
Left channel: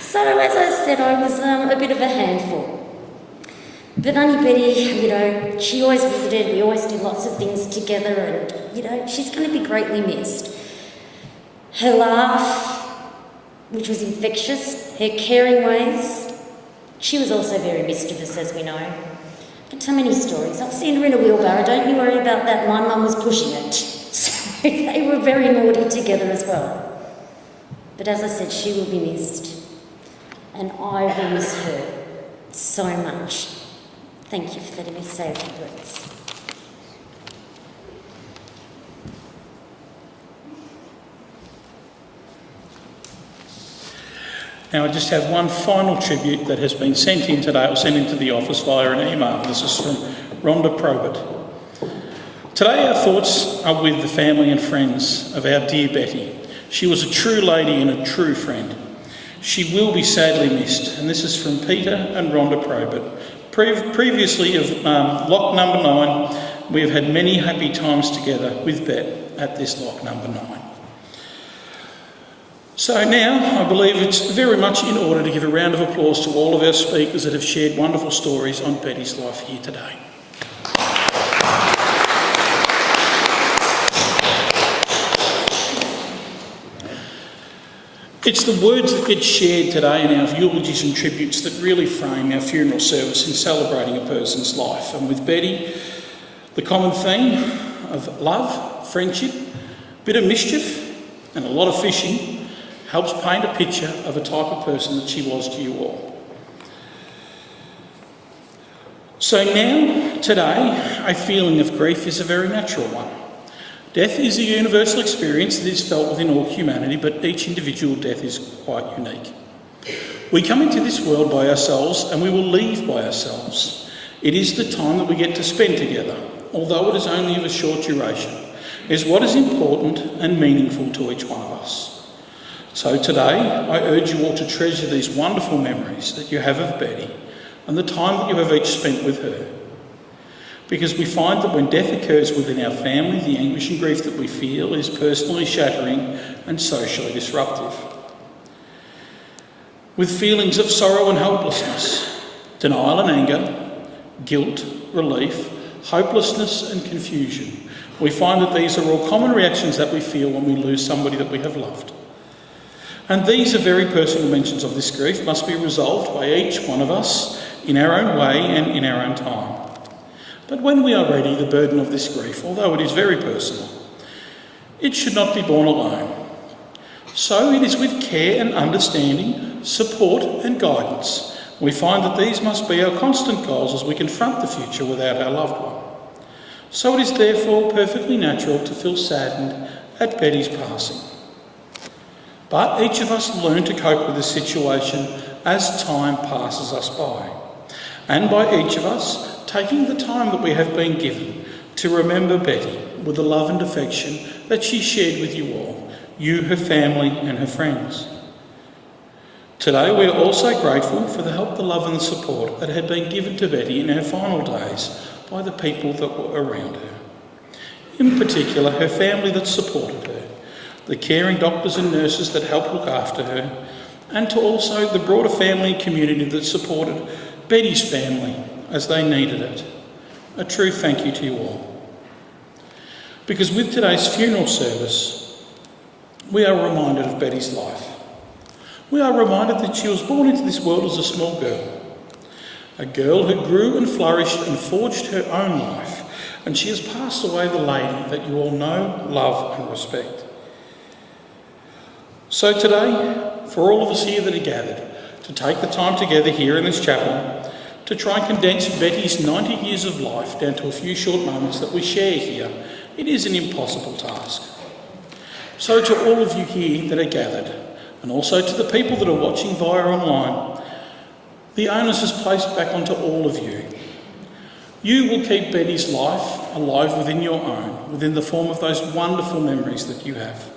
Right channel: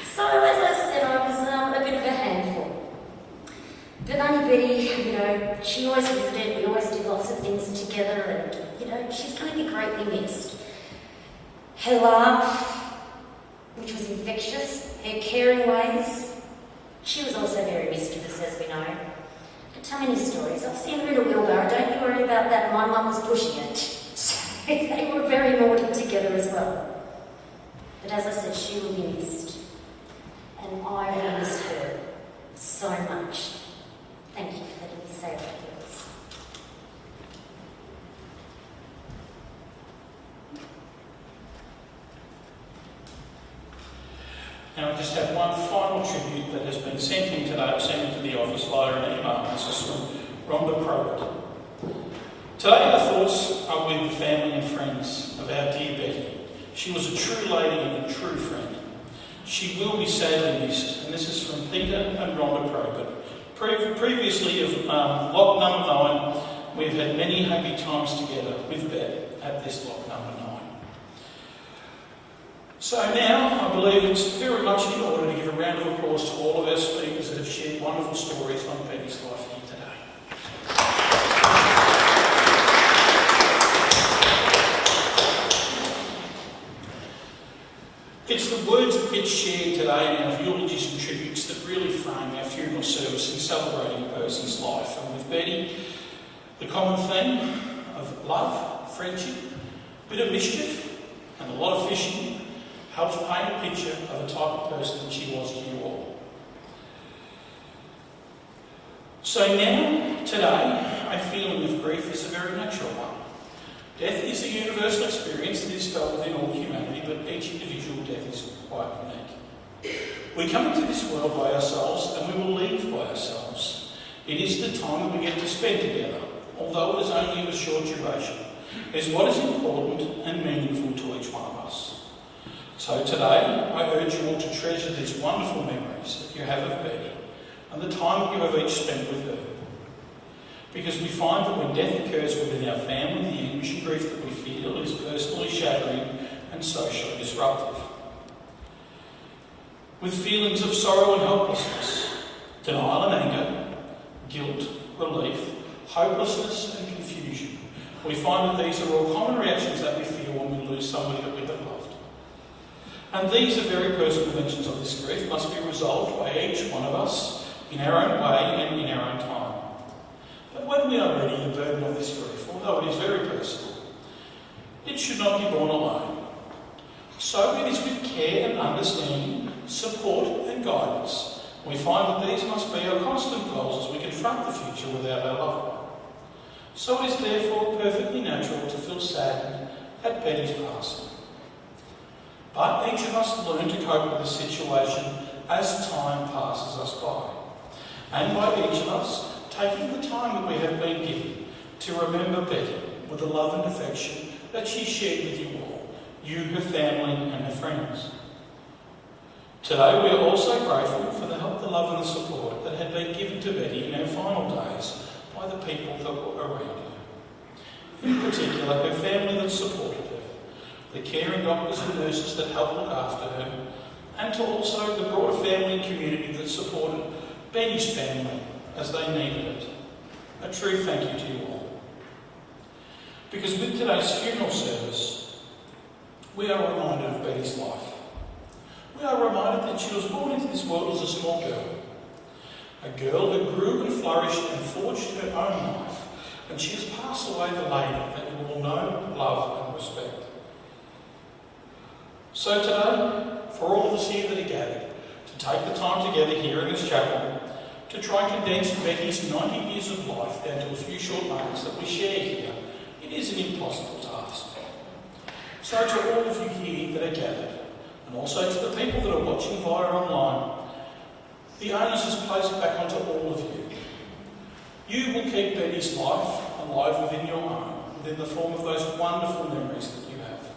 So as I said, I was a bit of a handful. But Auntie Betty, you know, she always visited, we always did lots of things together, and, you know, she's going to be greatly missed. Her laugh, which was infectious, her caring ways, she was also very mischievous, as we know. I can tell many stories. I've seen her in a wheelbarrow, don't you worry about that, my mum was pushing it. So they were very naughty together as well. But as I said, she will be missed. And I will miss her so much. Thank you for letting me say a few words. Now, I just have one final tribute that has been sent in today, or sent into the office via an email. This is from Rhonda Probert. Today, our thoughts are with the family and friends of our dear Betty. She was a true lady and a true friend. She will be sadly missed, and this is from Peter and Rhonda Probert. Previously of lock number 9, we have had many happy times together with Bet at this lock number 9. So now I believe it's very much in order to give a round of applause to all of our speakers that have shared wonderful stories on Betty's life here today. It's the words that get shared today in our eulogies and tributes that really frame our funeral service in celebrating a person's life. And with Betty, the common theme of love, friendship, bit of mischief and a lot of fishing helps paint a picture of a type of person that she was to you all. So now, today, a feeling of grief is a very natural one. Death is a universal experience that is felt within all humanity, but each individual death is quite unique. We come into this world by ourselves and we will leave by ourselves. It is the time that we get to spend together, although it is only of a short duration, is what is important and meaningful to each one of us. So today, I urge you all to treasure these wonderful memories that you have of Betty and the time that you have each spent with her. Because we find that when death occurs within our family, the anguish and grief that we feel is personally shattering and socially disruptive. With feelings of sorrow and helplessness, denial and anger, guilt, relief, hopelessness and confusion, we find that these are all common reactions that we feel when we lose somebody that we have loved. And these are very personal dimensions of this grief must be resolved by each one of us in our own way and in our own time. But when we are ready, the burden of this grief, although it is very personal, it should not be borne alone. So it is with care and understanding, support and guidance we find that these must be our constant goals as we confront the future without our loved one. So it is therefore perfectly natural to feel saddened at Betty's passing. But each of us learn to cope with the situation as time passes us by, and by each of us taking the time that we have been given to remember Betty with the love and affection that she shared with you all, you, her family and her friends. Today we are also grateful for the help, the love and the support that had been given to Betty in her final days by the people that were around her. In particular, her family that supported her, the caring doctors and nurses that helped look after her, and to also the broader family and community that supported Betty's family as they needed it. A true thank you to you all. Because with today's funeral service, we are reminded of Betty's life. We are reminded that she was born into this world as a small girl. A girl who grew and flourished and forged her own life. And she has passed away the lady that you all know, love and respect. So today, for all of us here that are gathered, to take the time together here in this chapel, to try and condense Betty's 90 years of life down to a few short moments that we share here, it is an impossible task. So to all of you here that are gathered, and also to the people that are watching via online, the onus is placed back onto all of you. You will keep Betty's life alive within your own, within the form of those wonderful memories that you have.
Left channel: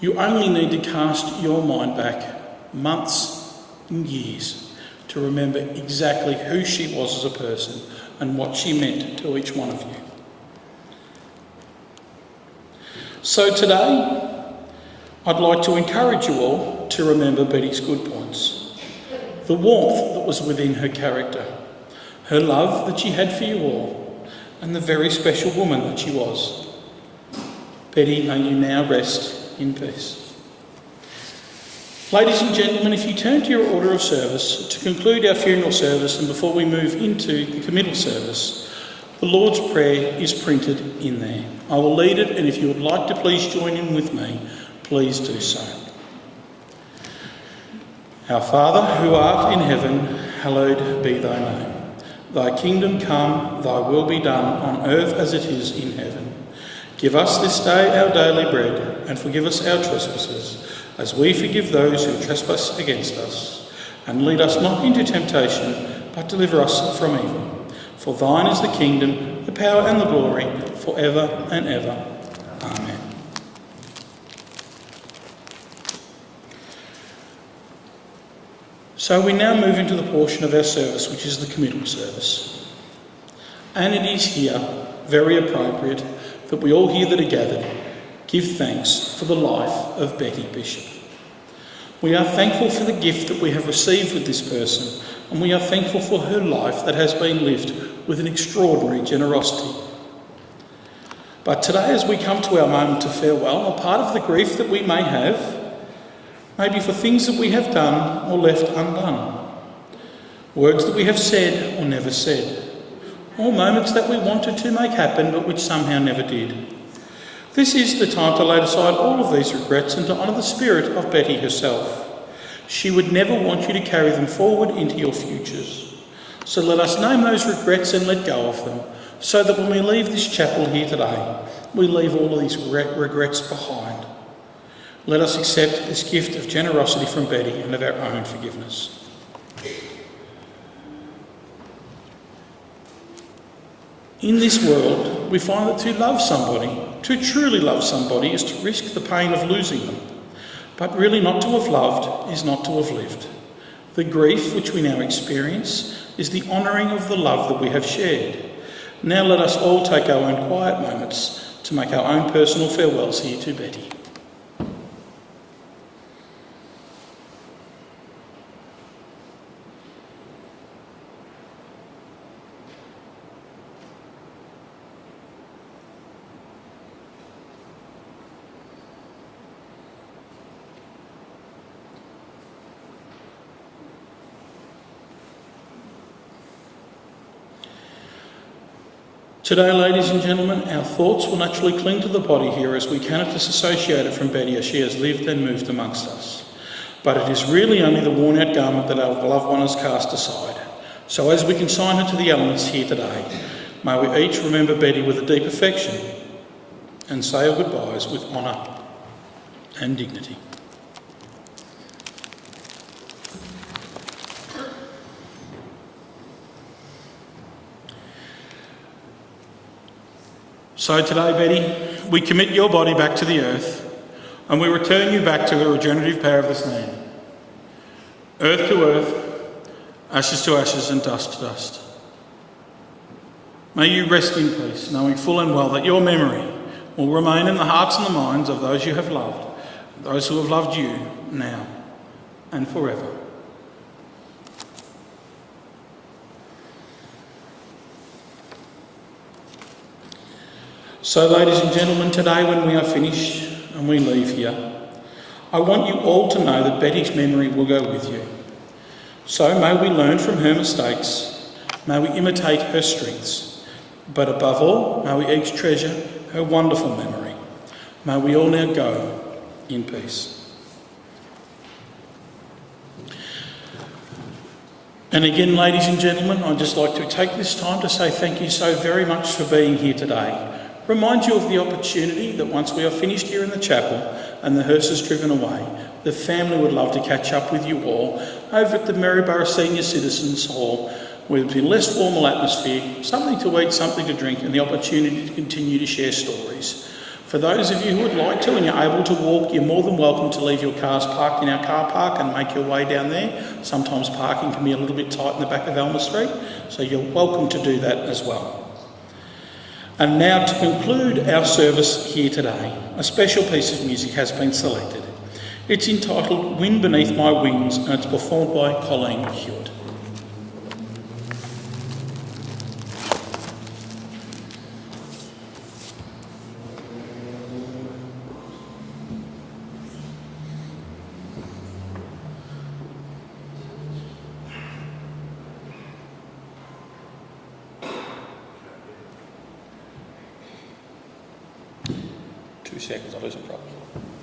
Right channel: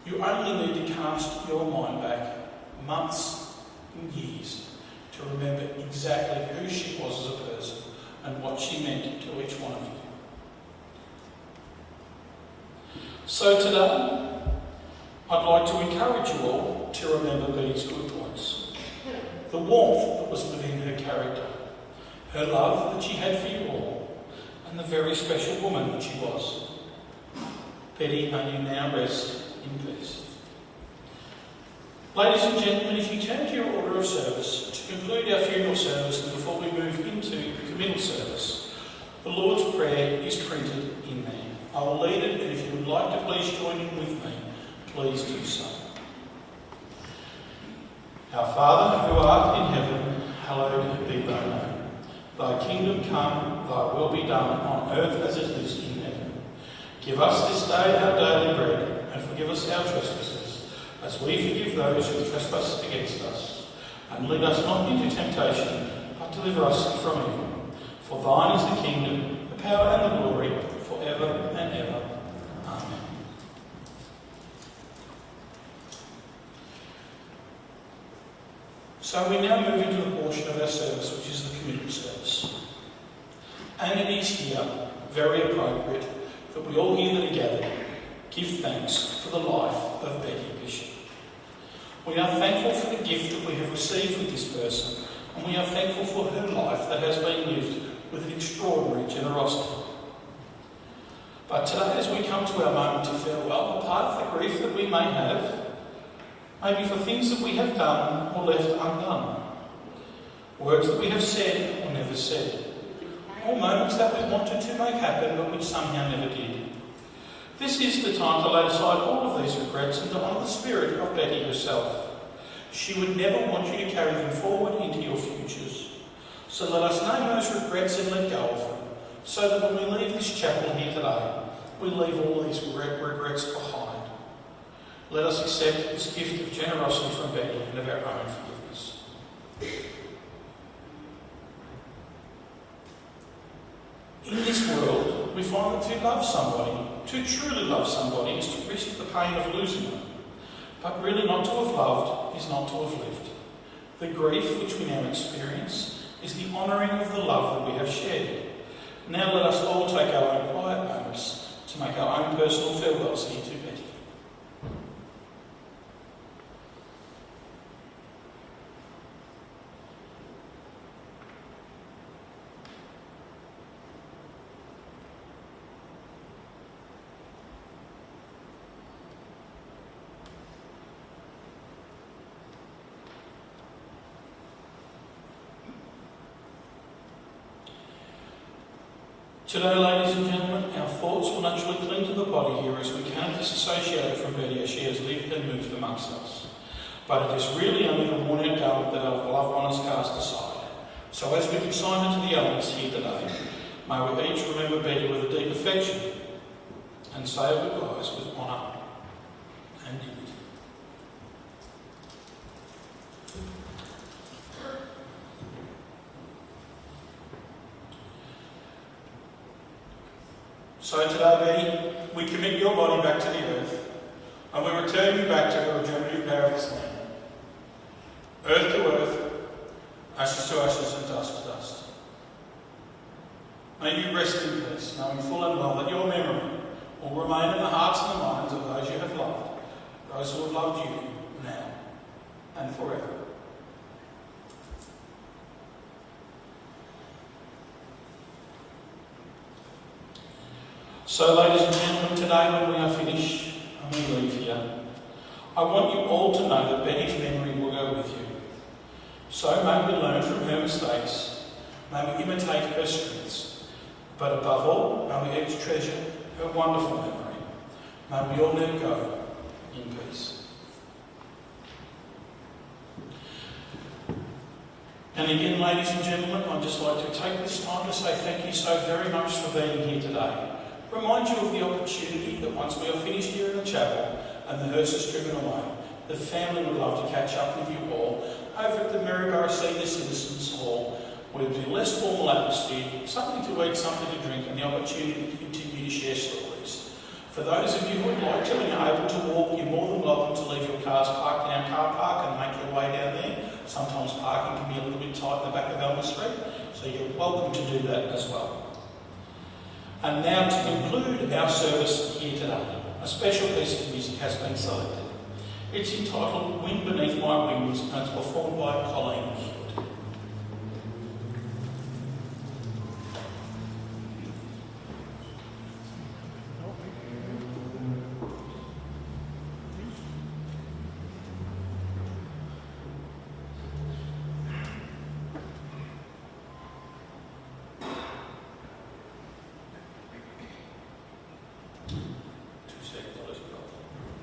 You only need to cast your mind back months and years to remember exactly who she was as a person and what she meant to each one of you. So today, I'd like to encourage you all to remember Betty's good points. The warmth that was within her character, her love that she had for you all, and the very special woman that she was. Betty, may you now rest in peace. Ladies and gentlemen, if you turn to your order of service to conclude our funeral service and before we move into the committal service, the Lord's Prayer is printed in there. I will lead it, and if you would like to please join in with me, please do so. Our Father, who art in heaven, hallowed be thy name. Thy kingdom come, thy will be done on earth as it is in heaven. Give us this day our daily bread, and forgive us our trespasses, as we forgive those who trespass against us. And lead us not into temptation, but deliver us from evil. For thine is the kingdom, the power and the glory, for ever and ever. Amen. So we now move into the portion of our service which is the committal service. And it is here very appropriate that we all here that are gathered give thanks for the life of Betty Bishop. We are thankful for the gift that we have received with this person, and we are thankful for her life that has been lived with an extraordinary generosity. But today, as we come to our moment of farewell, a part of the grief that we may have maybe for things that we have done or left undone, words that we have said or never said, or moments that we wanted to make happen but which somehow never did. This is the time to lay aside all of these regrets and to honour the spirit of Betty herself. She would never want you to carry them forward into your futures. So let us name those regrets and let go of them, so that when we leave this chapel here today, we leave all of these regrets behind. Let us accept this gift of generosity from Betty and of our own forgiveness. In this world, we find that to love somebody, to truly love somebody, is to risk the pain of losing them. But really not to have loved is not to have lived. The grief which we now experience is the honouring of the love that we have shared. Now let us all take our own quiet moments to make our own personal farewells here to Betty. Today, ladies and gentlemen, our thoughts will naturally cling to the body here as we cannot disassociate it from Betty as she has lived and moved amongst us. But it is really only the worn-out garment that our loved one has cast aside. So as we consign her to the elements here today, may we each remember Betty with a deep affection and say our goodbyes with honour and dignity. So today, Betty, we commit your body back to the earth and we return you back to the regenerative power of this land. Earth to earth, ashes to ashes and dust to dust. May you rest in peace, knowing full and well that your memory will remain in the hearts and the minds of those you have loved, those who have loved you now and forever. So, ladies and gentlemen, today when we are finished and we leave here, I want you all to know that Betty's memory will go with you. So may we learn from her mistakes, may we imitate her strengths, but above all, may we each treasure her wonderful memory. May we all now go in peace. And again, ladies and gentlemen, I'd just like to take this time to say thank you so very much for being here today. Remind you of the opportunity that once we are finished here in the chapel and the hearse is driven away, the family would love to catch up with you all over at the Maryborough Senior Citizens Hall, where there's been less formal atmosphere, something to eat, something to drink, and the opportunity to continue to share stories. For those of you who would like to and you're able to walk, you're more than welcome to leave your cars parked in our car park and make your way down there. Sometimes parking can be a little bit tight in the back of Alma Street, so you're welcome to do that as well. And now to conclude our service here today, a special piece of music has been selected. It's entitled Wind Beneath My Wings and it's performed by Colleen Hewitt. Seconds, I'll lose it probably.